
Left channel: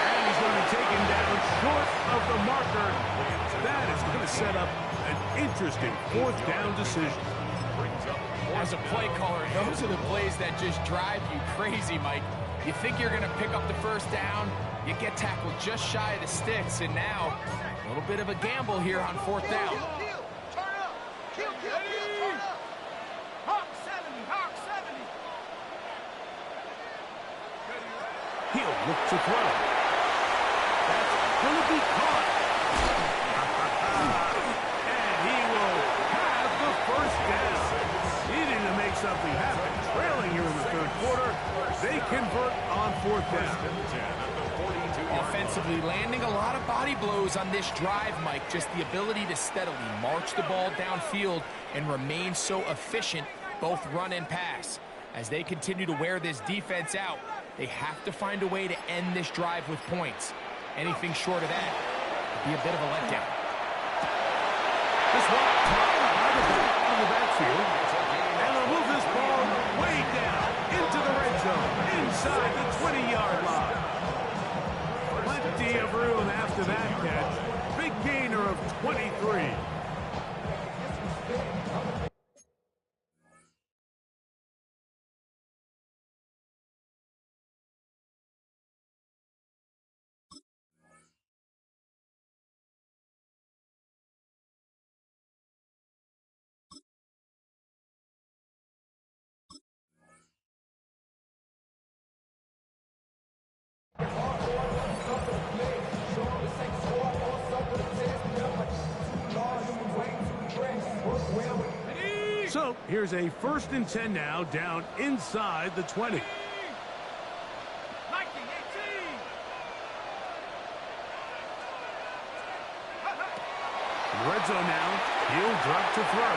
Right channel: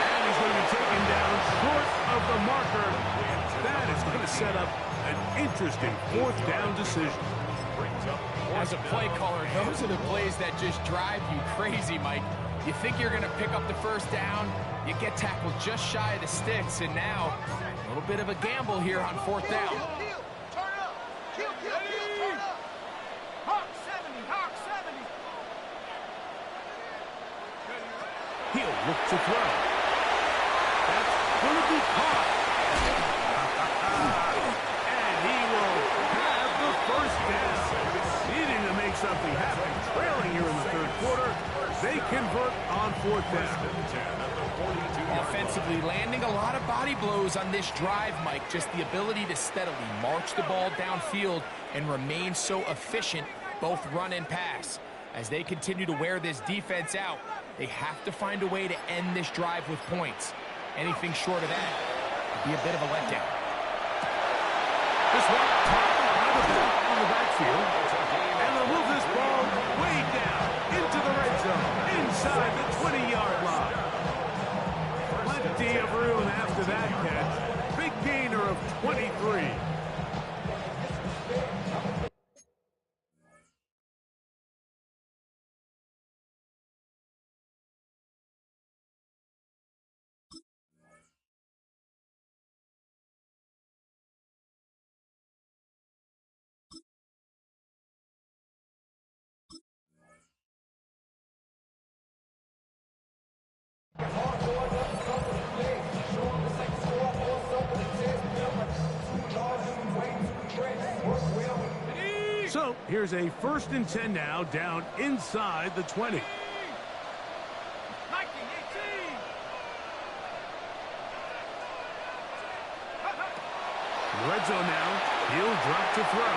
And he's going to be taken down short of the marker. That is going to set up an interesting fourth down decision. As a play caller, those are the plays that just drive you crazy, Mike. You think you're going to pick up the first down, you get tackled just shy of the sticks, and now a little bit of a gamble here on fourth down. Turn up. Kill, turn up. Hawk 70, Hawk 70. He'll look to throw. That's going to be caught. And he will have the first down. Needing to make something happen. Trailing here in the third quarter. They convert on fourth down. Offensively, landing a lot of body blows on this drive, Mike. Just the ability to steadily march the ball downfield and remain so efficient, both run and pass. As they continue to wear this defense out, they have to find a way to end this drive with points. Anything short of that would be a bit of a letdown. This one top by the back on the backfield. And they'll move this ball way down into the red zone, inside the 20-yard line. Plenty of room after that catch. Big gainer of 23. So here's a 1st and 10 now, down inside the 20. 19, 18. In the red zone now, he'll drop to throw.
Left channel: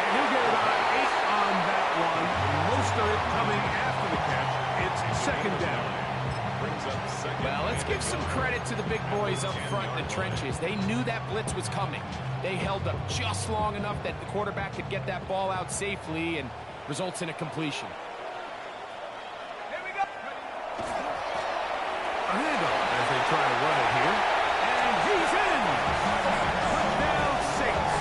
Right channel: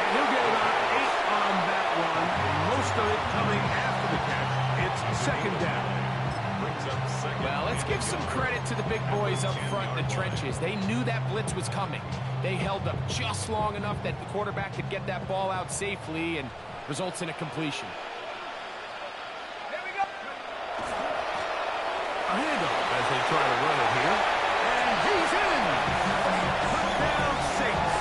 And he'll get about 8 on that one. Most of it coming after the catch. It's 2nd down. Well, let's give some credit to the big boys up front in the trenches. They knew that blitz was coming. They held up just long enough that the quarterback could get that ball out safely and results in a completion. Here we go. A handoff as they try to run it here. And he's in! Touchdown, Saints.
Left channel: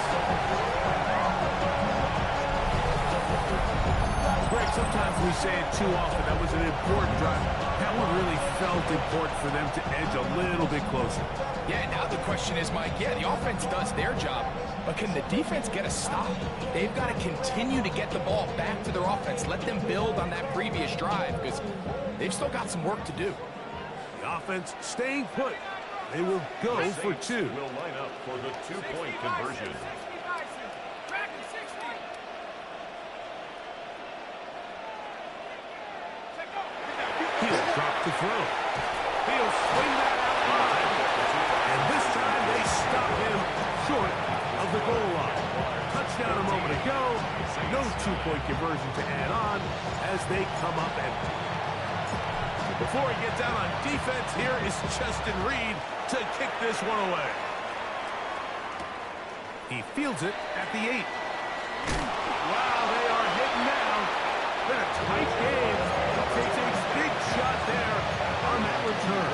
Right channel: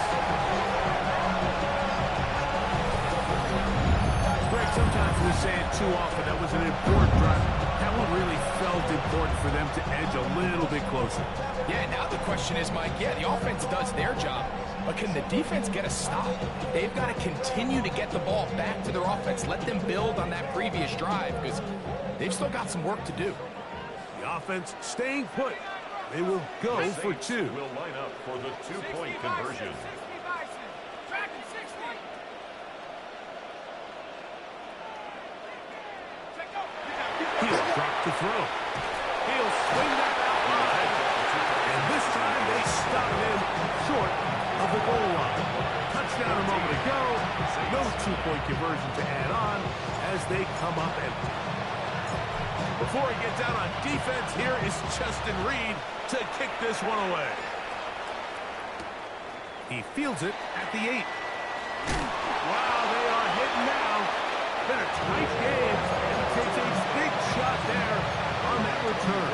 Greg, sometimes we say it too often. That was an important drive. That one really felt important for them to edge a little bit closer. Yeah, now the question is, Mike, yeah, the offense does their job, but can the defense get a stop? They've got to continue to get the ball back to their offense. Let them build on that previous drive because they've still got some work to do. The offense staying put. They will go for 2. Will line up for the 2-point conversion. 60 Bison. Dragon 60. Check go. He'll drop to throw. He'll swing that out wide. And this time they stop him short of the goal line. Touchdown a moment ago. No 2-point conversion to add on as they come up empty. Before he gets out on defense, here is Justin Reed to kick this one away. He fields it at the 8. Wow, they are hitting now. Been a tight game. And he takes a big shot there on that return.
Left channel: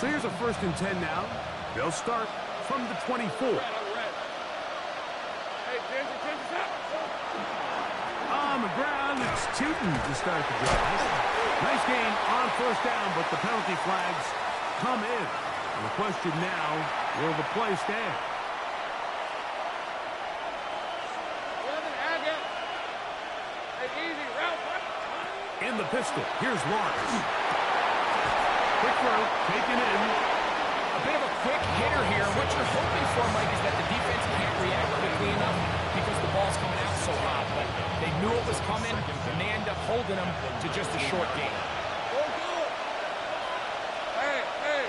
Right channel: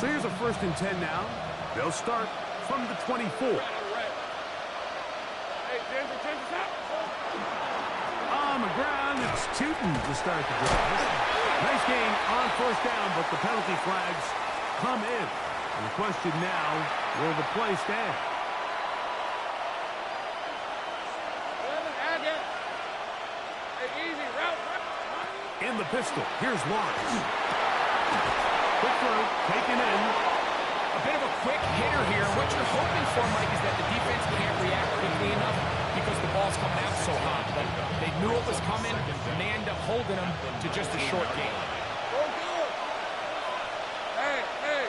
So here's a 1st and 10 now. They'll start from the 24. Hey, Ginger, On the ground, it's Tootin to start the drive. Nice gain on 1st down, but the penalty flags come in. And the question now, will the play stand? In the pistol, here's Lawrence. Quick throw, taken in. A bit of a quick hitter here. What you're hoping for, Mike, is that the defense can't react quickly enough because the ball's coming out so hot. But they knew it was coming, and they end up holding them to just a short gain. Hey.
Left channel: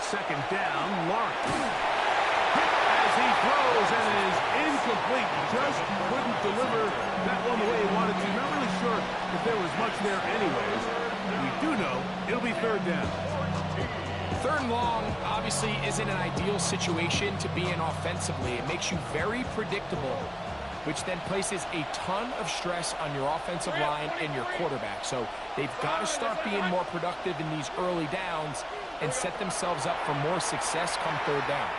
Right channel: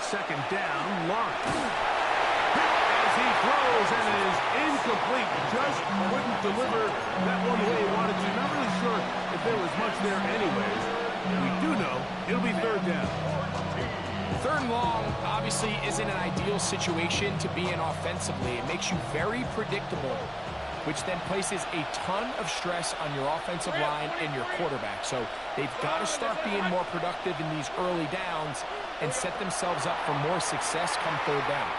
2nd down, Lawrence. Hit as he throws and it is incomplete. Just couldn't deliver that one the way he wanted to. Not really sure if there was much there anyways. We do know it'll be third down. Third and long obviously isn't an ideal situation to be in offensively. It makes you very predictable, which then places a ton of stress on your offensive line and your quarterback. So they've got to start being more productive in these early downs and set themselves up for more success come third down.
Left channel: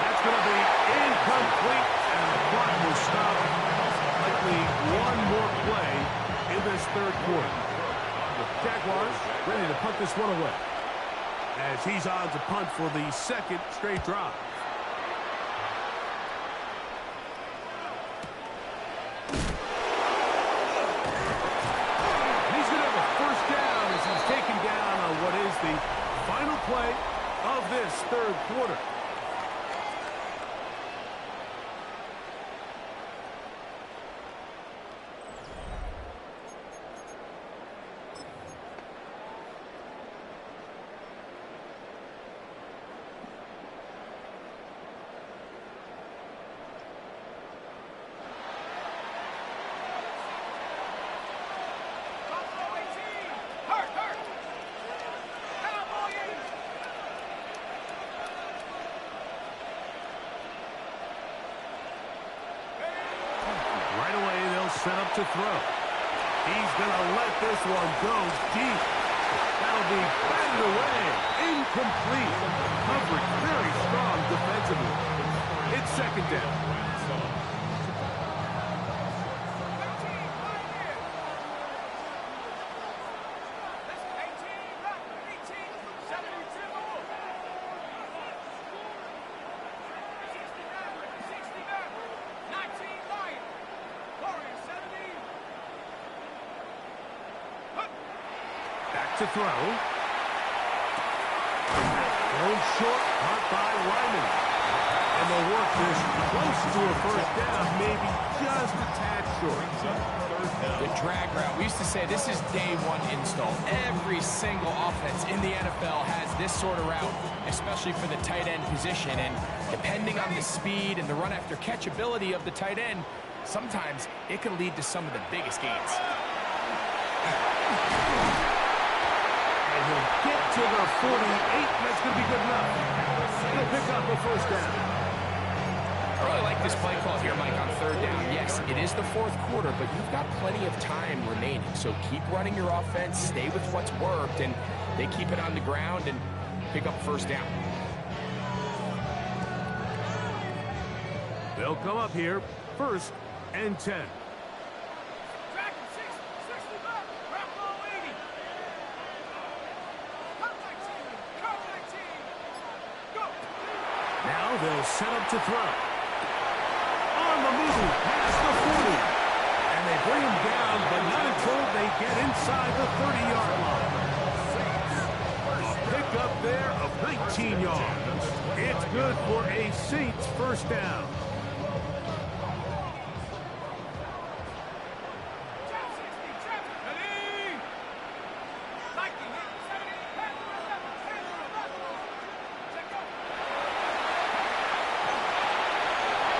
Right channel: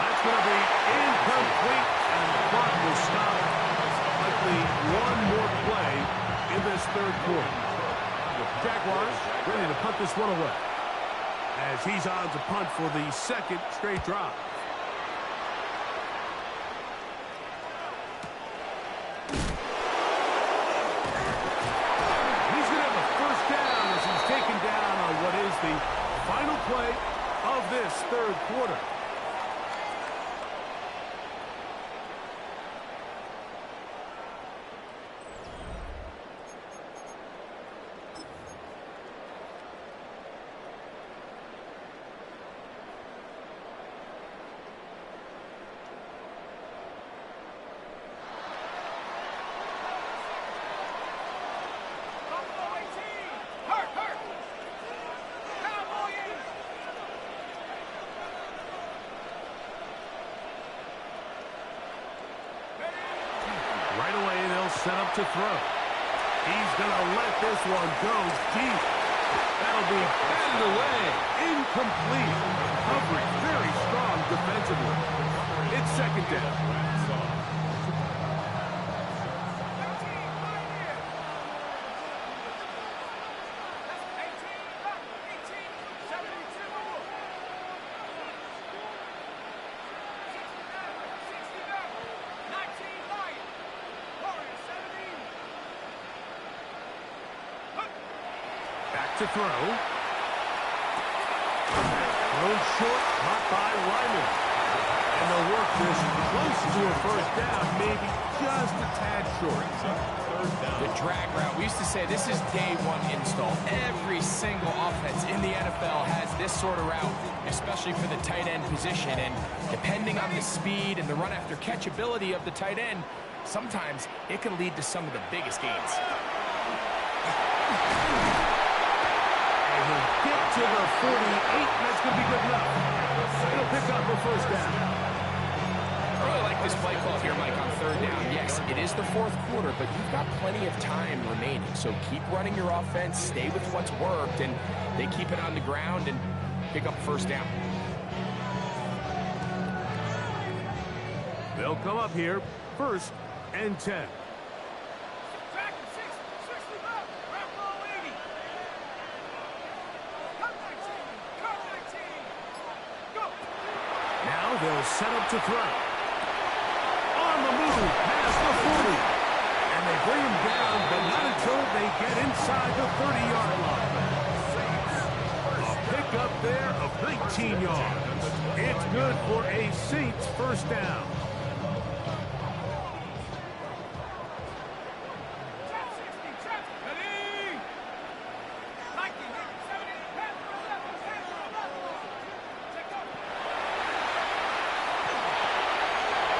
That's going to be incomplete, and the clock will stop. Likely one more play in this third quarter. Jaguars ready to punt this one away, as he's on to punt for the second straight drive. He's going to have a first down as he's taken down on what is the final play of this third quarter. Right away, they'll set up to throw. He's going to let this one go deep. That'll be batted away. Incomplete. Coverage very strong defensively. It's second down. Back to throw. Thrown short, caught by Ryman. And they'll work this close to a first down, maybe just a tad short. The drag route. We used to say this is day one install. Every single offense in the NFL has this sort of route, especially for the tight end position. And depending on the speed and the run after catch ability of the tight end, sometimes it can lead to some of the biggest gains. And he'll get to the 48, and that's going to be good enough. He'll pick up a first down. I really like this play call here, Mike, on third down. Yes, it is the fourth quarter, but you've got plenty of time remaining. So keep running your offense, stay with what's worked, and they keep it on the ground and pick up first down. They'll come up here, 1st and 10. Now they'll set up to throw. On the move, past the 40. And they bring him down, but not until they get inside the 30-yard line. A pickup there of 19 yards. It's good for a Saints first down.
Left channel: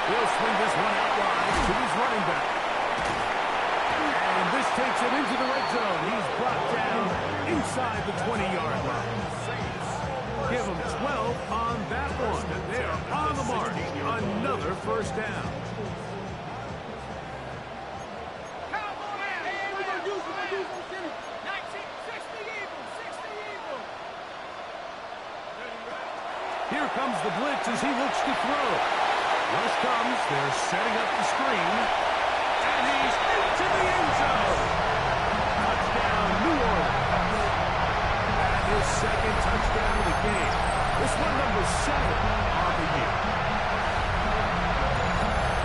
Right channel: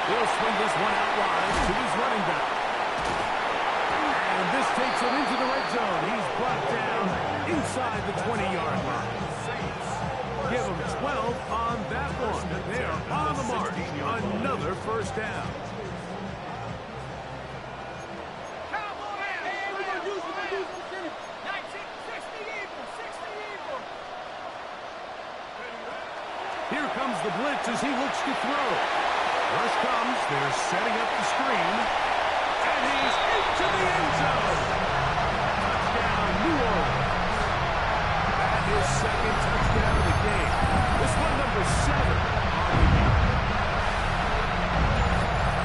He'll swing this one out wide to his running back. And this takes him into the red zone. He's brought down inside the 20-yard line. Give him 12 on that one. They're on the mark. Another first down. Here comes the blitz as he looks to throw. Rush comes, they're setting up the screen, and he's into the end zone. Touchdown, New Orleans. That is second touchdown of the game. This one number 7 on the year.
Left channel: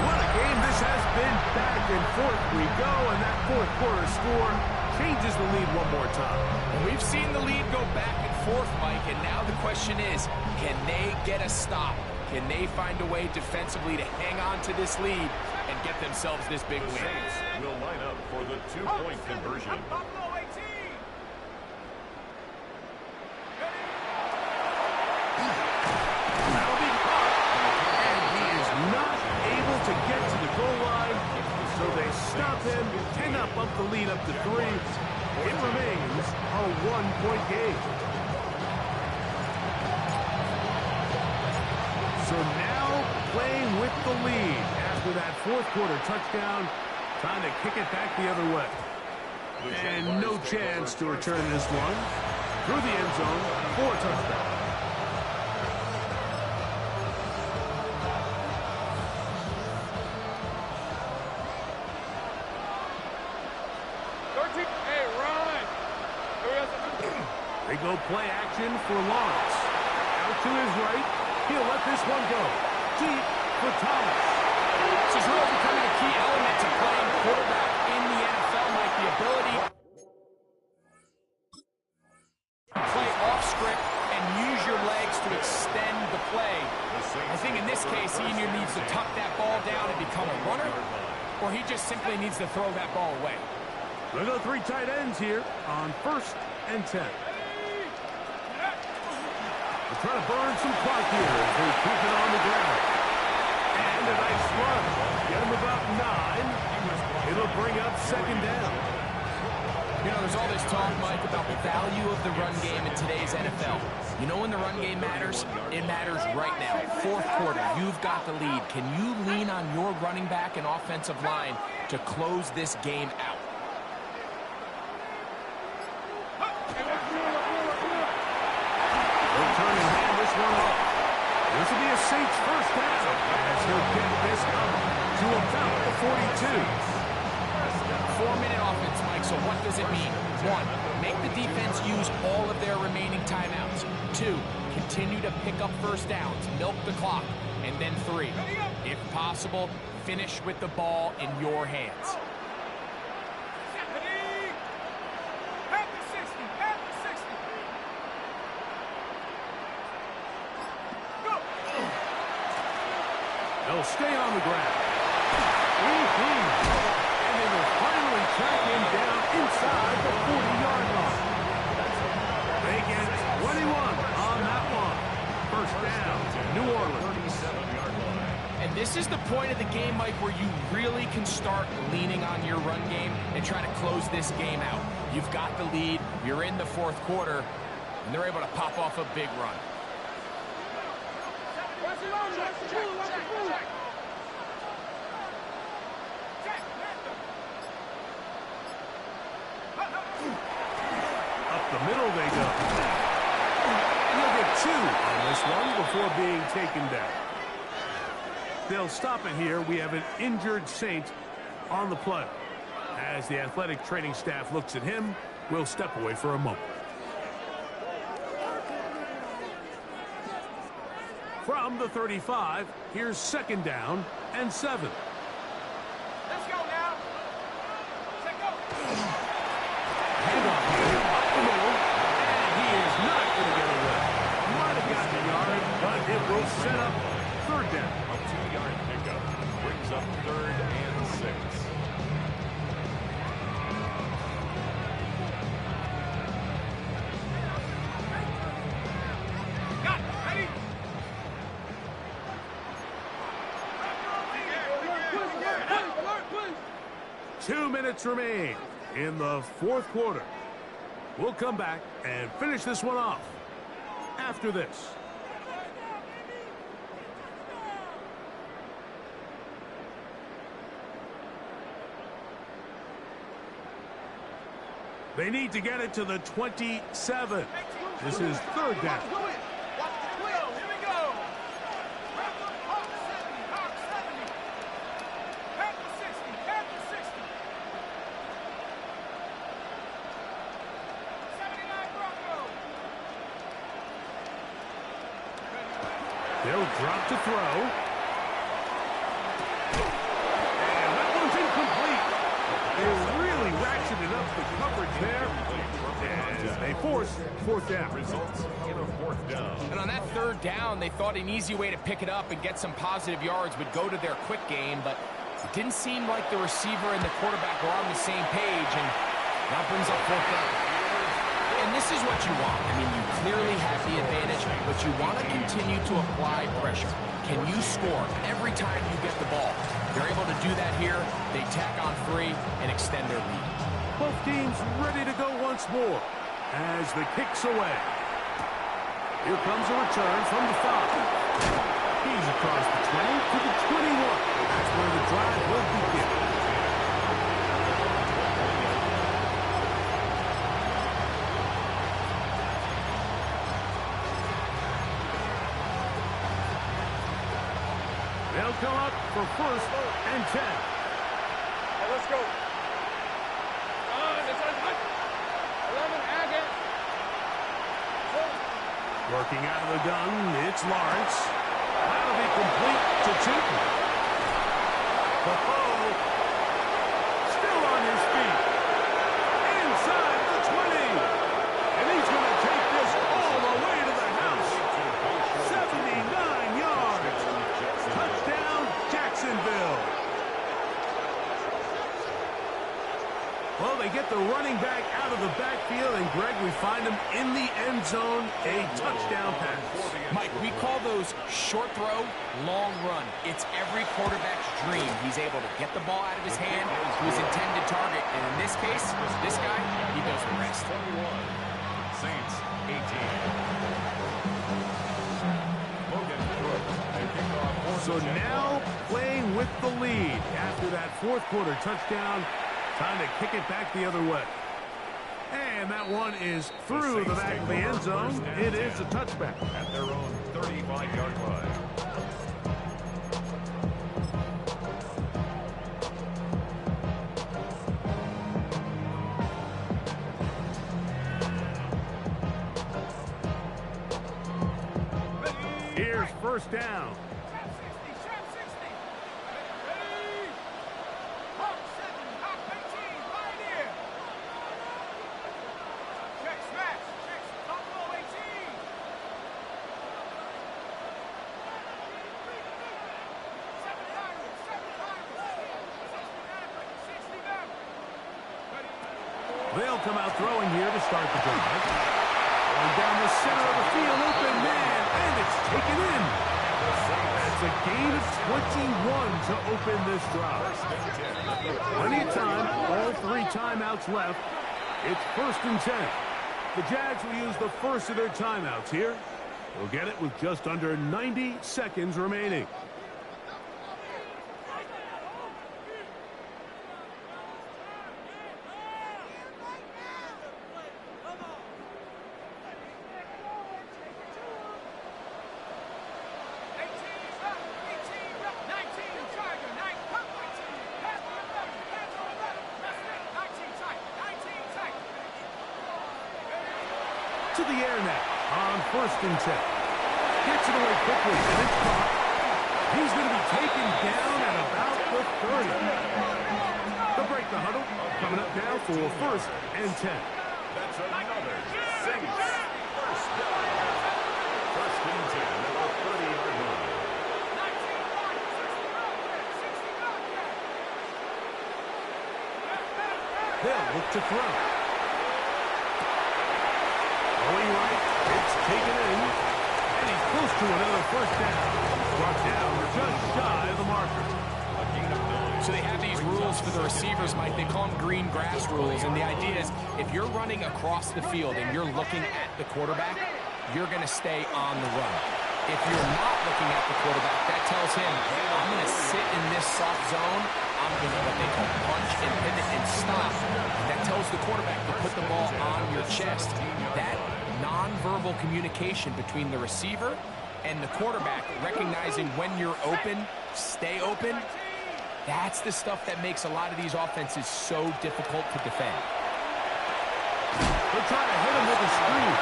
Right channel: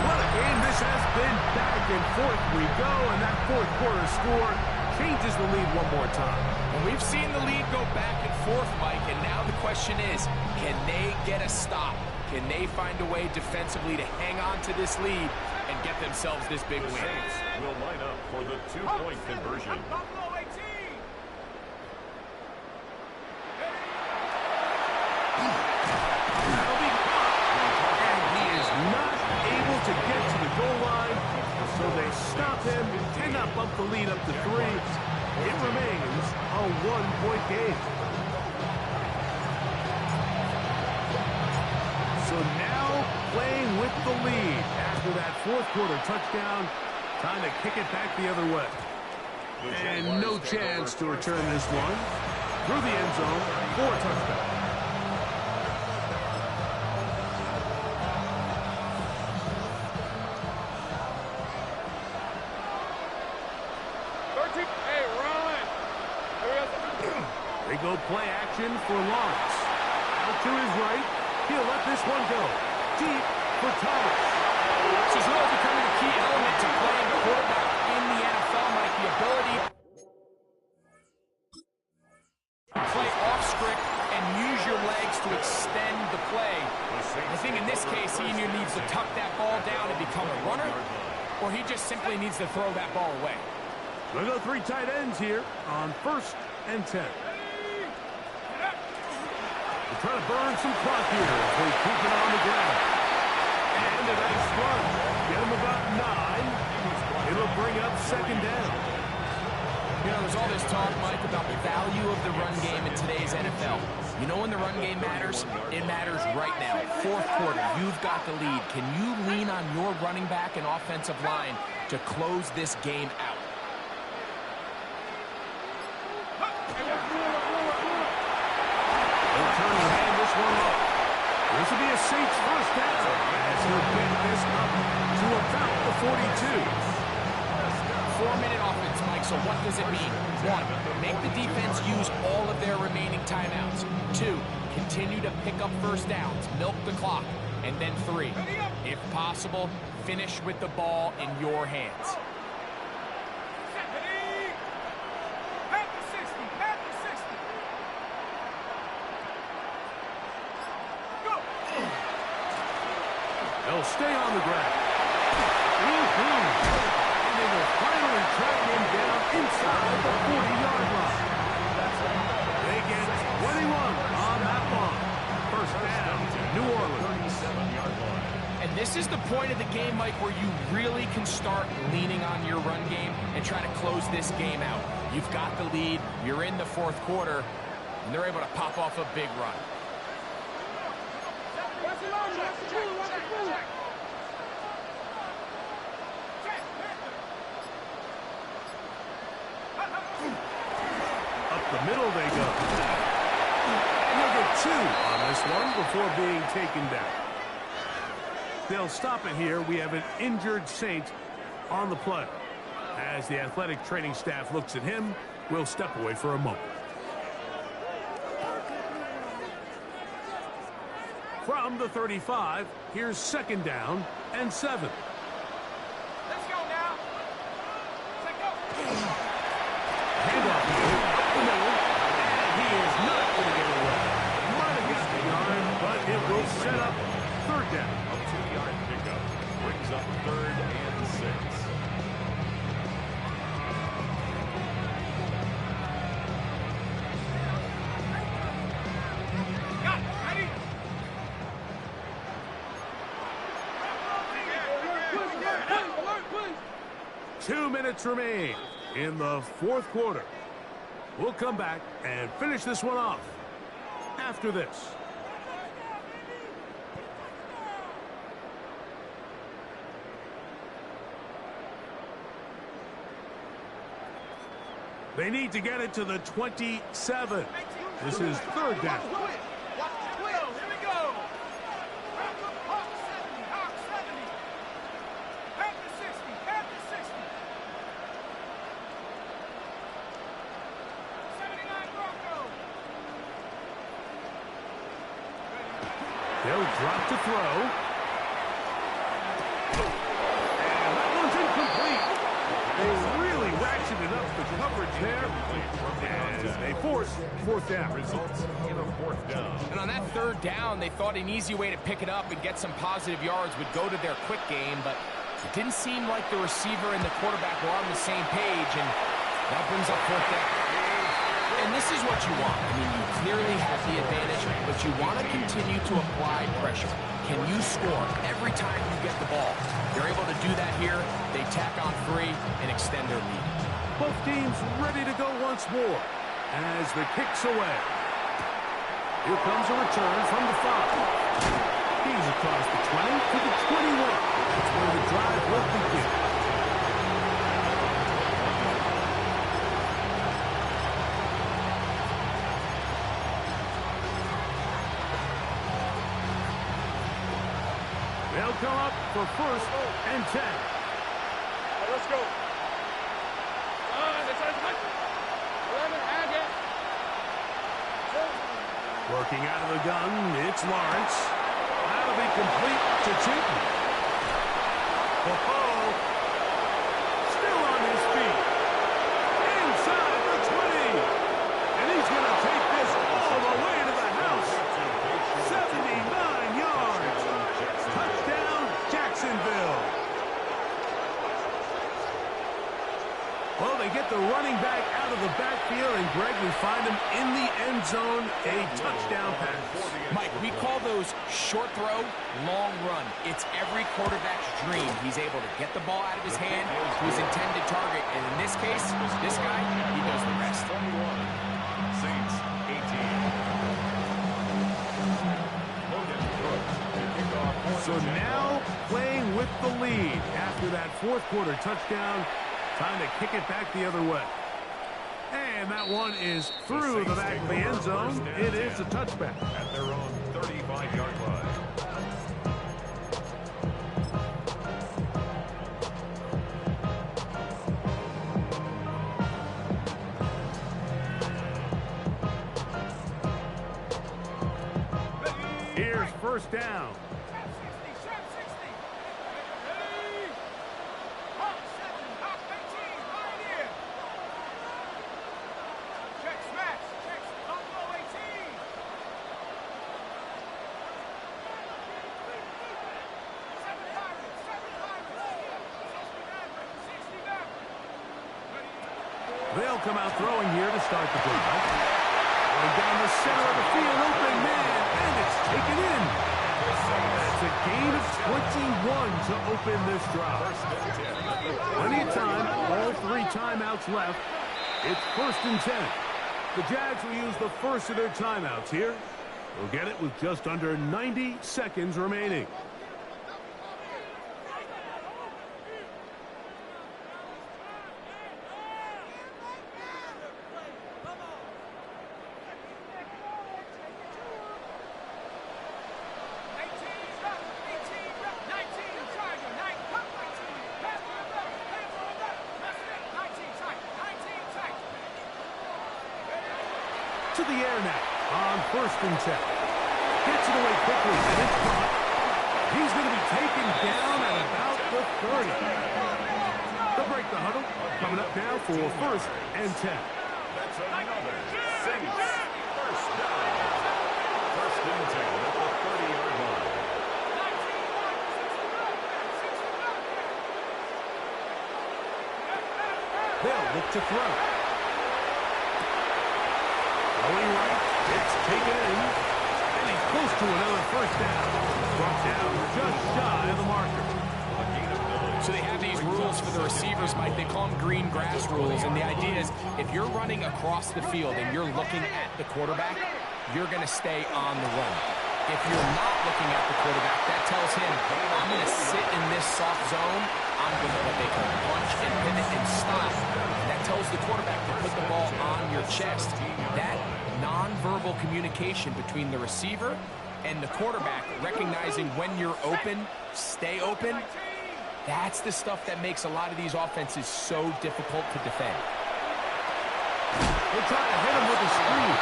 What a game this has been. Back and forth we go, and that fourth quarter score changes the lead one more time. And we've seen the lead go back and forth, Mike, and now the question is, can they get a stop? Can they find a way defensively to hang on to this lead and get themselves this big win? The Saints will line up for the two-point conversion. Now to get to the goal line, so they stop him, cannot bump the lead up to 3. It remains a 1-point game. So now playing with the lead after that fourth quarter touchdown. Time to kick it back the other way. And no chance to return this one through the end zone for a touchdown. Hey, run! They go play action for Lawrence. Out to his right. He'll let this one go. Deep for Thomas. This is really becoming a key element to playing quarterback in the NFL, Mike. The ability to play off script and use your legs to extend the play. I think in this case, he either needs to tuck that ball down and become a runner, or he just simply needs to throw that ball away. We'll go 3 tight ends here on 1st and 10. They're trying to burn some clock here as they keep it on the ground. And a nice run. Get him about 9. It'll bring up 2nd down. You know, there's all this talk, Mike, about the value of the run game in today's NFL. You know when the run game matters? It matters right now. 4th quarter, you've got the lead. Can you lean on your running back and offensive line to close this game out? They'll turn and hand this one off. This will be a Saints 1st down as he'll get this up to about the 42. 4-minute offense, Mike, so what does it mean? 1, make the defense use all of their remaining timeouts. 2, continue to pick up 1st downs, milk the clock. And then 3, if possible, finish with the ball in your hands. They'll stay on the ground. And they will finally track him down inside the 40-yard line. They get 21 on that one. 1st down, New Orleans. 37-yard line. And this is the point of the game, Mike, where you really can start leaning on your run game and try to close this game out. You've got the lead, you're in the 4th quarter, and they're able to pop off a big run. Up the middle they go. And he'll get 2 on this one before being taken down. They'll stop it here. We have an injured Saint on the play. As the athletic training staff looks at him, we'll step away for a moment. From the 35, here's 2nd down and 7. Let's go now. Let's go. Handoff here, up the middle, and he is not going to get away. Might have got the yard, but it will set up 3rd down. A 2-yard pickup brings up 3rd and 6. Got it. Ready? 2 minutes remain in the 4th quarter. We'll come back and finish this one off after this. They need to get it to the 27. This is 3rd down. Watch the wheel. Here we go. Wrap up Hawk 70. Hawk 70. Panther 60. Panther 60. 79 Bronco. They'll drop to throw. And that one's incomplete. They really ratcheted up the coverage there. And they force 4th down. Results in a 4th down. And on that 3rd down, they thought an easy way to pick it up and get some positive yards would go to their quick game, but it didn't seem like the receiver and the quarterback were on the same page, and that brings up 4th down. And this is what you want. I mean, you clearly have the advantage, but you want to continue to apply pressure. Can you score every time you get the ball? They're able to do that here. They tack on 3 and extend their lead. Both teams ready to go once more as the kick's away. Here comes a return from the 5. He's across the 20 to the 21. That's where the drive will begin. They'll come up for 1st and 10. Hey, let's go. It's on 11, again. Working out of the gun, it's Lawrence. That'll be complete to Tootin. Oh, still on his feet. Inside the 20. And he's going to take this all the way to the house. 79 yards. Touchdown, Jacksonville. Well, they get the running back out of the backfield, and Greg, we find him in the end zone, a touchdown pass. Mike, we call those short throw, long run. It's every quarterback's dream. He's able to get the ball out of his hand to his intended target, and in this case, this guy, he does the rest. 21, Saints 18. So now playing with the lead after that 4th quarter touchdown. Time to kick it back the other way. And that one is through the back of the end zone. It is a touchback. At their own 35-yard line. Here's 1st down. They'll come out throwing here to start the drive. Going down the center of the field, open man, and it's taken in. That's a gain of 21 to open this drive. Plenty of time, all 3 timeouts left. It's 1st and 10. The Jags will use the first of their timeouts here. They'll get it with just under 90 seconds remaining. To the air now on 1st and 10. Gets it away quickly, and it's caught. He's going to be taken down at about the 30. They'll break the huddle. Coming up now for 1st and 10. That's another Saints 1st down. 1st and 10 at the 30-yard line. They'll look to throw. Going right, it's taken in, and he's close to another 1st down. Brought down just shy of the marker. So they have these rules for the receivers, Mike. They call them green grass rules, and the idea is if you're running across the field and you're looking at the quarterback, you're going to stay on the run. If you're not looking at the quarterback, that tells him, I'm going to sit in this soft zone. I'm going to what they call punch and pivot and stop. That tells the quarterback to put the ball on your chest. That nonverbal communication between the receiver and the quarterback, recognizing when you're open, stay open, that's the stuff that makes a lot of these offenses so difficult to defend. They'll try to hit him with a screen.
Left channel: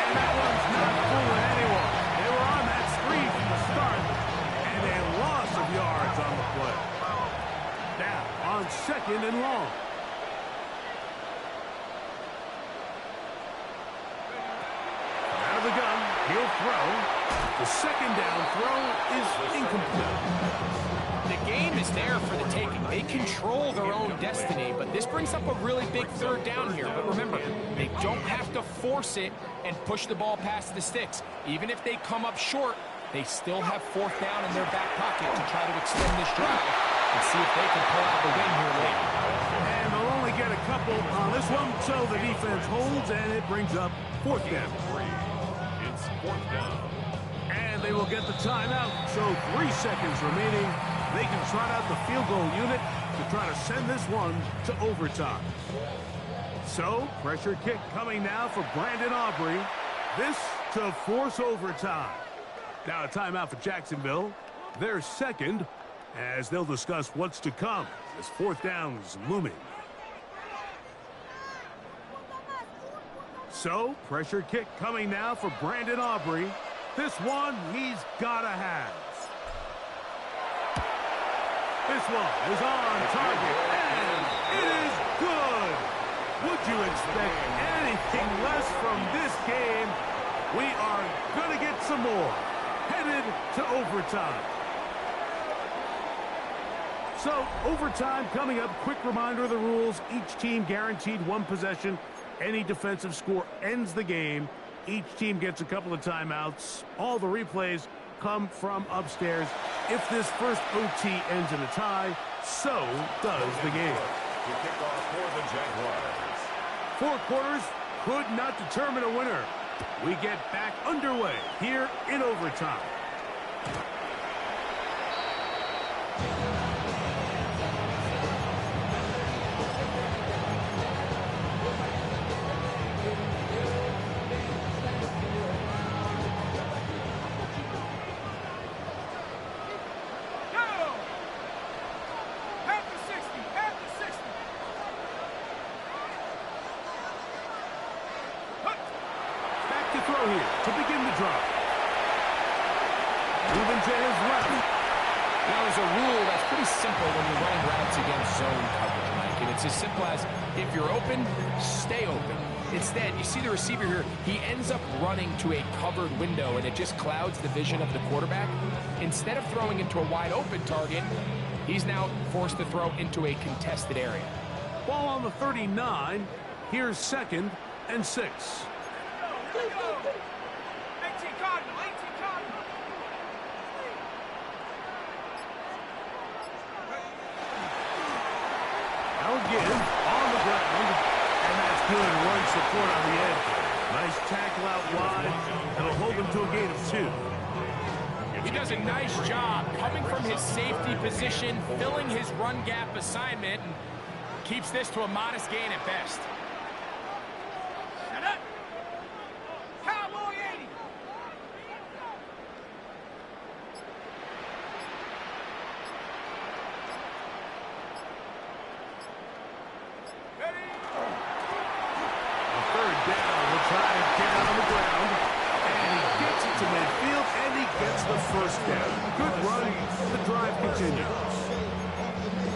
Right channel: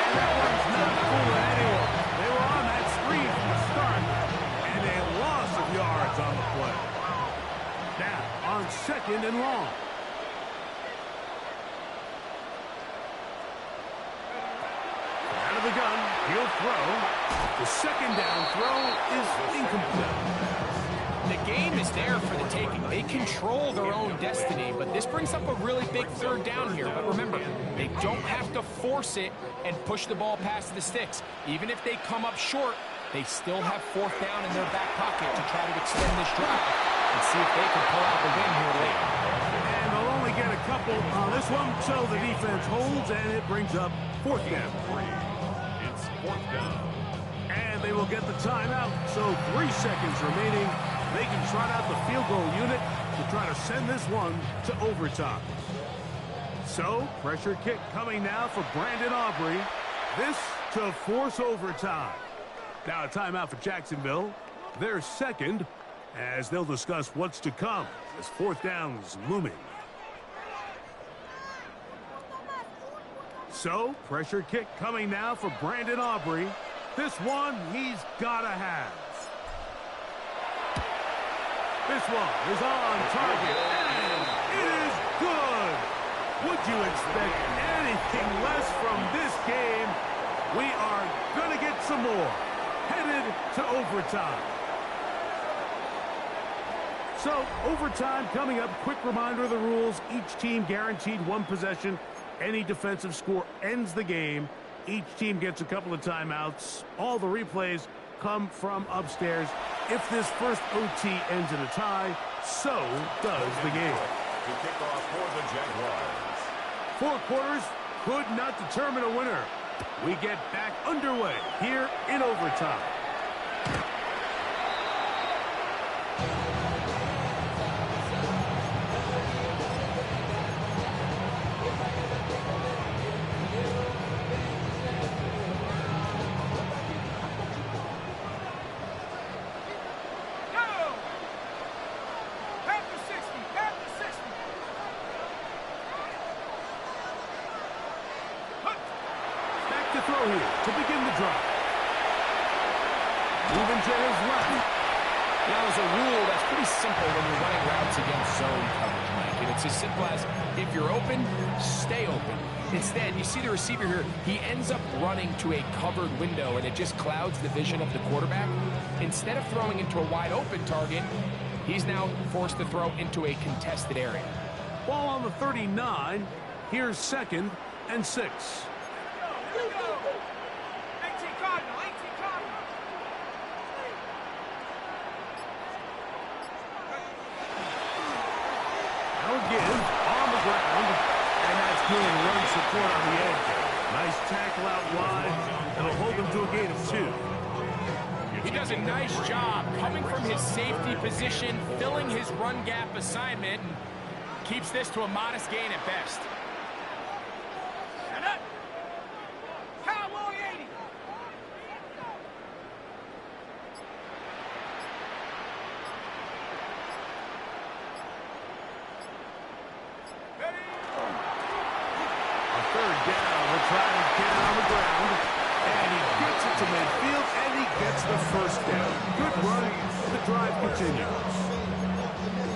And that one's not fooling anyone. They were on that screen from the start, and a loss of yards on the play. Now, on 2nd and long. Out of the gun, he'll throw. The 2nd down throw is incomplete. The game is there for the taking. They control their own destiny, but this brings up a really big third down here. But remember, they don't have to force it and push the ball past the sticks. Even if they come up short, they still have fourth down in their back pocket to try to extend this drive and see if they can pull out the win here later. And they'll only get a couple on this one, so the defense holds, and it brings up fourth down. It's fourth down. And they will get the timeout, so 3 seconds remaining. They can trot out the field goal unit to try to send this one to overtime. So, pressure kick coming now for Brandon Aubrey. This to force overtime. Now a timeout for Jacksonville. Their second, as they'll discuss what's to come as fourth down is looming. So, pressure kick coming now for Brandon Aubrey. This one he's gotta have. This one is on target, and it is good. Would you expect anything less from this game? We are going to get some more. Headed to overtime. So, overtime coming up. Quick reminder of the rules. Each team guaranteed one possession. Any defensive score ends the game. Each team gets a couple of timeouts. All the replays come from upstairs. If this first OT ends in a tie, so does the game. To kick off for the Jaguars. 4 quarters could not determine a winner. We get back underway here in overtime. To throw here to begin the drive. Moving to his left. Now, there's a rule that's pretty simple when you're running routes against zone coverage, Mike. And it's as simple as, if you're open, stay open. Instead, you see the receiver here, he ends up running to a covered window, and it just clouds the vision of the quarterback. Instead of throwing into a wide open target, he's now forced to throw into a contested area. Ball on the 39. Here's 2nd and 6. Here we go. 18 Cardinal, 18 Cardinal. Now again, on the ground. And that's good run support on the edge. Nice tackle out wide. It'll hold him to a gain of 2. He does a nice job coming from his safety position, filling his run gap assignment, and keeps this to a modest gain at best. Shut up. Cowboy 80. Ready? A third down. We'll try to get it on the ground. And he gets it to midfield, and he gets the first down. Good run. The drive continues.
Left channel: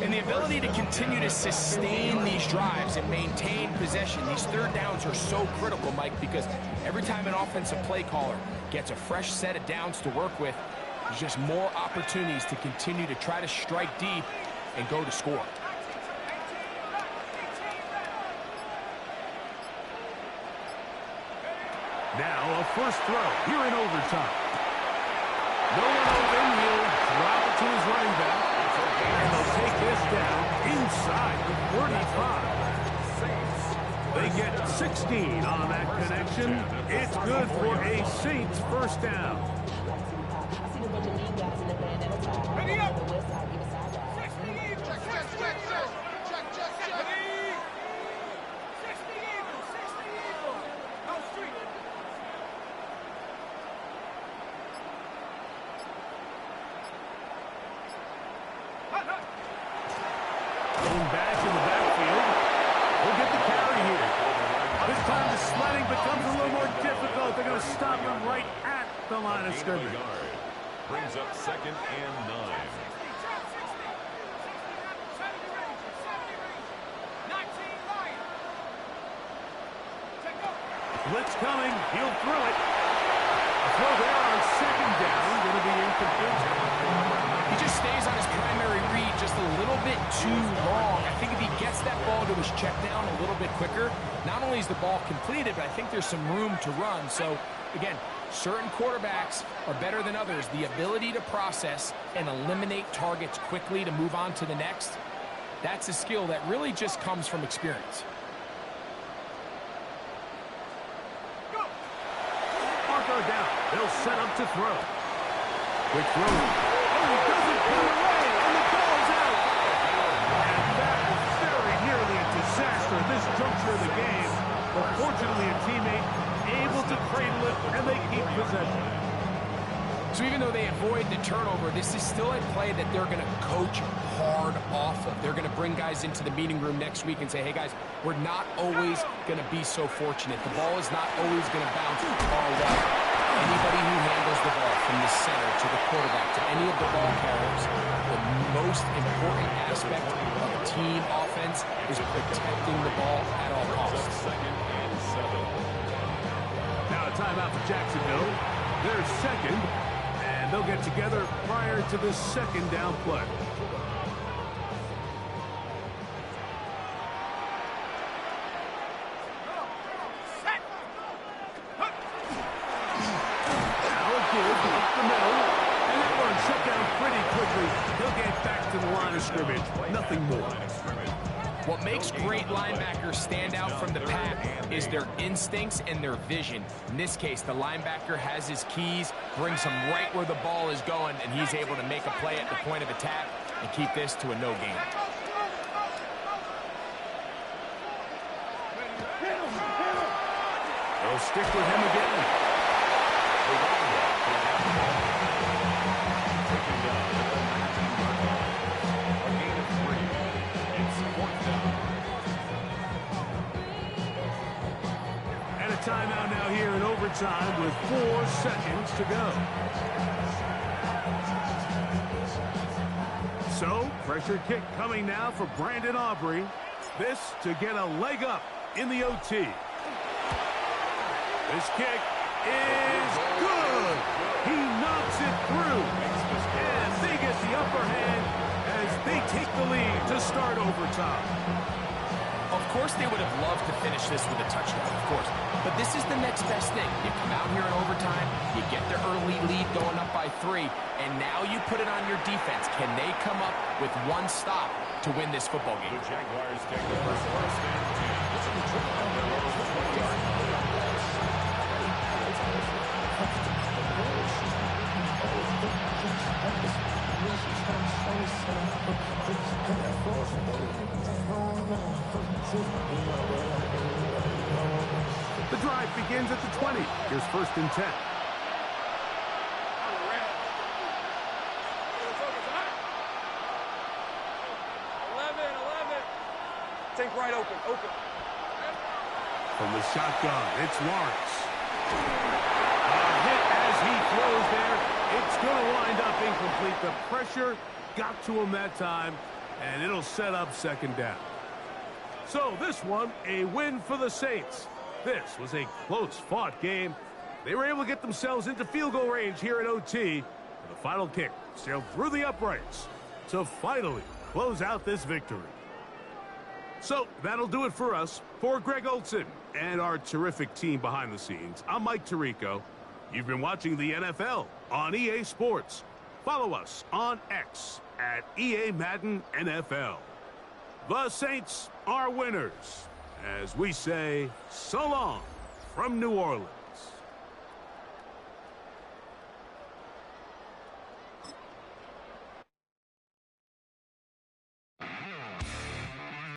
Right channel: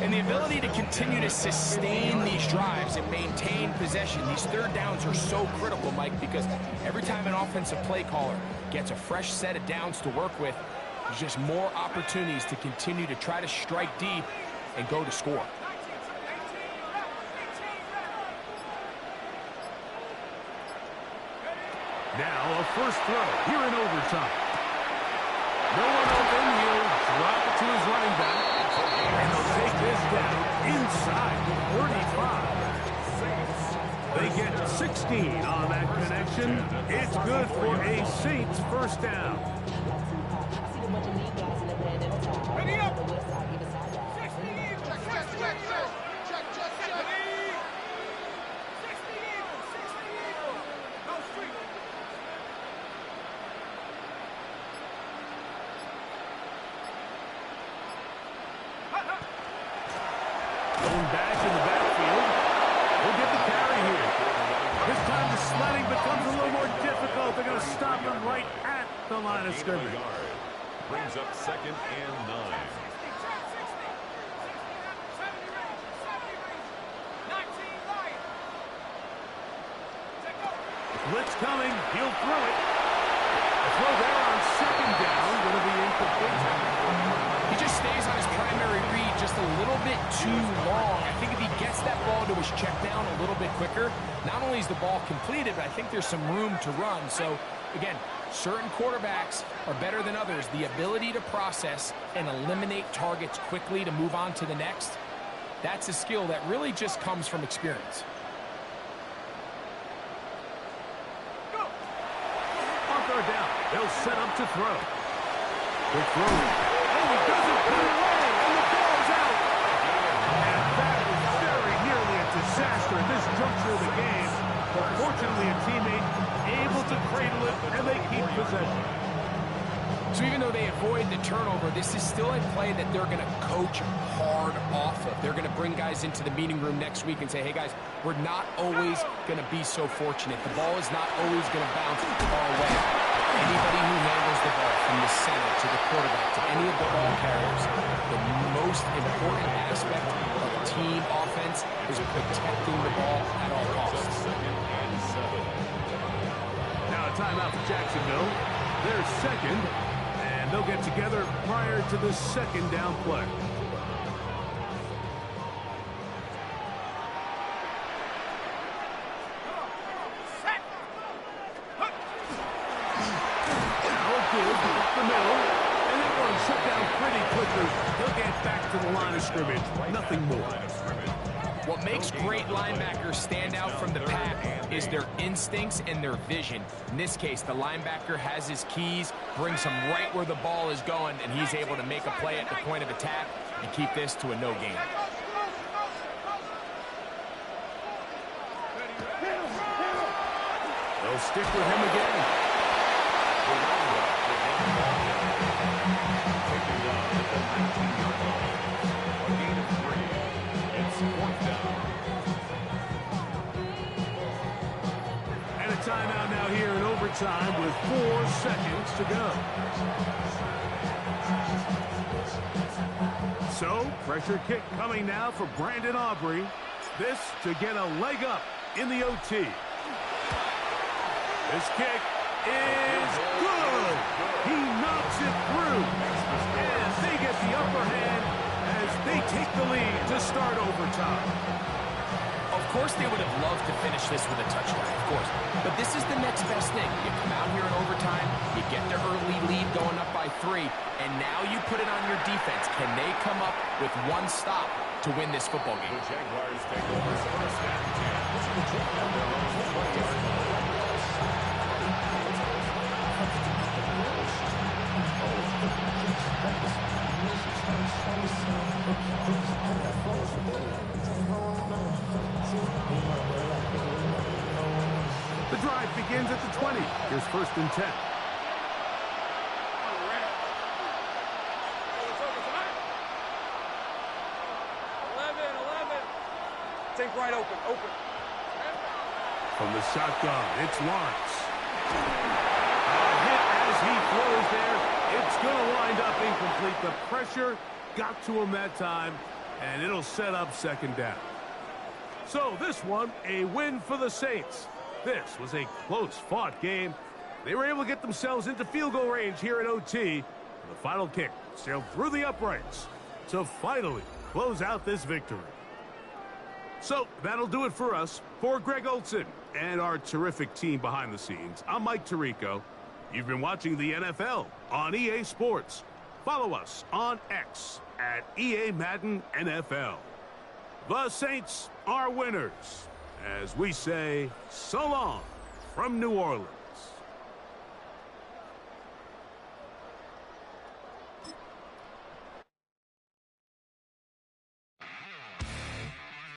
And the ability to continue to sustain these drives and maintain possession, these third downs are so critical, Mike, because every time an offensive play caller gets a fresh set of downs to work with, there's just more opportunities to continue to try to strike deep and go to score. Now a first throw here in overtime. No one open. He'll drop it to his running back. And they'll take this down inside the 35. They get 16 on that connection. It's good for a Saints first down. Ready up. 60 even. Check. Ready. 60 even. 60 even. No street. Going back in the backfield. He'll get the carry here. This time the sledding becomes a little more difficult. They're going to stop him right at the line of scrimmage. Brings up 2nd and 9. 70 range. 19 Lion. Take go. Blitz coming. He'll throw it. A throw there on second down. Going to be incomplete. He just stays on his primary read just a little bit too long. I think if he gets that ball to his check down a little bit quicker, not only is the ball completed, but I think there's some room to run. So, again, certain quarterbacks are better than others. The ability to process and eliminate targets quickly to move on to the next, that's a skill that really just comes from experience. Marker down. They'll set up to throw. Quick throw. Oh, he doesn't put it away, and the ball's out. And that was very nearly a disaster at this juncture of the game. But fortunately, a teammate able to cradle it, and they keep possession. So even though they avoid the turnover, this is still a play that they're going to coach hard off of. They're going to bring guys into the meeting room next week and say, hey, guys, we're not always going to be so fortunate. The ball is not always going to bounce our way. Anybody who handles the ball from the center to the quarterback to any of the ball carriers, the most important aspect of a team offense is protecting the ball at all costs. Second and 7. Now a timeout for Jacksonville. They're second, and they'll get together prior to the second down play. Up the middle, and that one shut down pretty quickly. He'll get back to the line of scrimmage. Nothing more. What makes great linebackers stand out from the pack is their instincts and their vision. In this case, the linebacker has his keys, brings him right where the ball is going, and he's able to make a play at the point of attack and keep this to a no gain. They'll stick with him again. The running back will get the ball. Taken down at the 19-yard line. A gain of 3. It's 4th down. And a timeout now here in overtime with 4 seconds to go. So, pressure kick coming now for Brandon Aubrey. This to get a leg up in the OT. This kick is good. He knocks it through. And they get the upper hand as they take the lead to start overtime. Of course they would have loved to finish this with a touchdown, of course. But this is the next best thing. You come out here in overtime, you get the early lead going up by 3, and now you put it on your defense. Can they come up with one stop to win this football game? The Jaguars take over 1st and 10. And their own 20-yard line. The drive begins at the 20. Here's 1st and 10. Think right open. From the shotgun, it's Lawrence. A hit as he throws there. It's going to wind up incomplete. The pressure got to him that time, and it'll set up 2nd down. So this one, a win for the Saints. This was a close-fought game. They were able to get themselves into field goal range here at OT. And the final kick sailed through the uprights to finally close out this victory. So that'll do it for us. For Greg Olson and our terrific team behind the scenes, I'm Mike Tirico. You've been watching the NFL on EA Sports. Follow us on X at EA Madden NFL. The Saints are winners, as we say so long from New Orleans.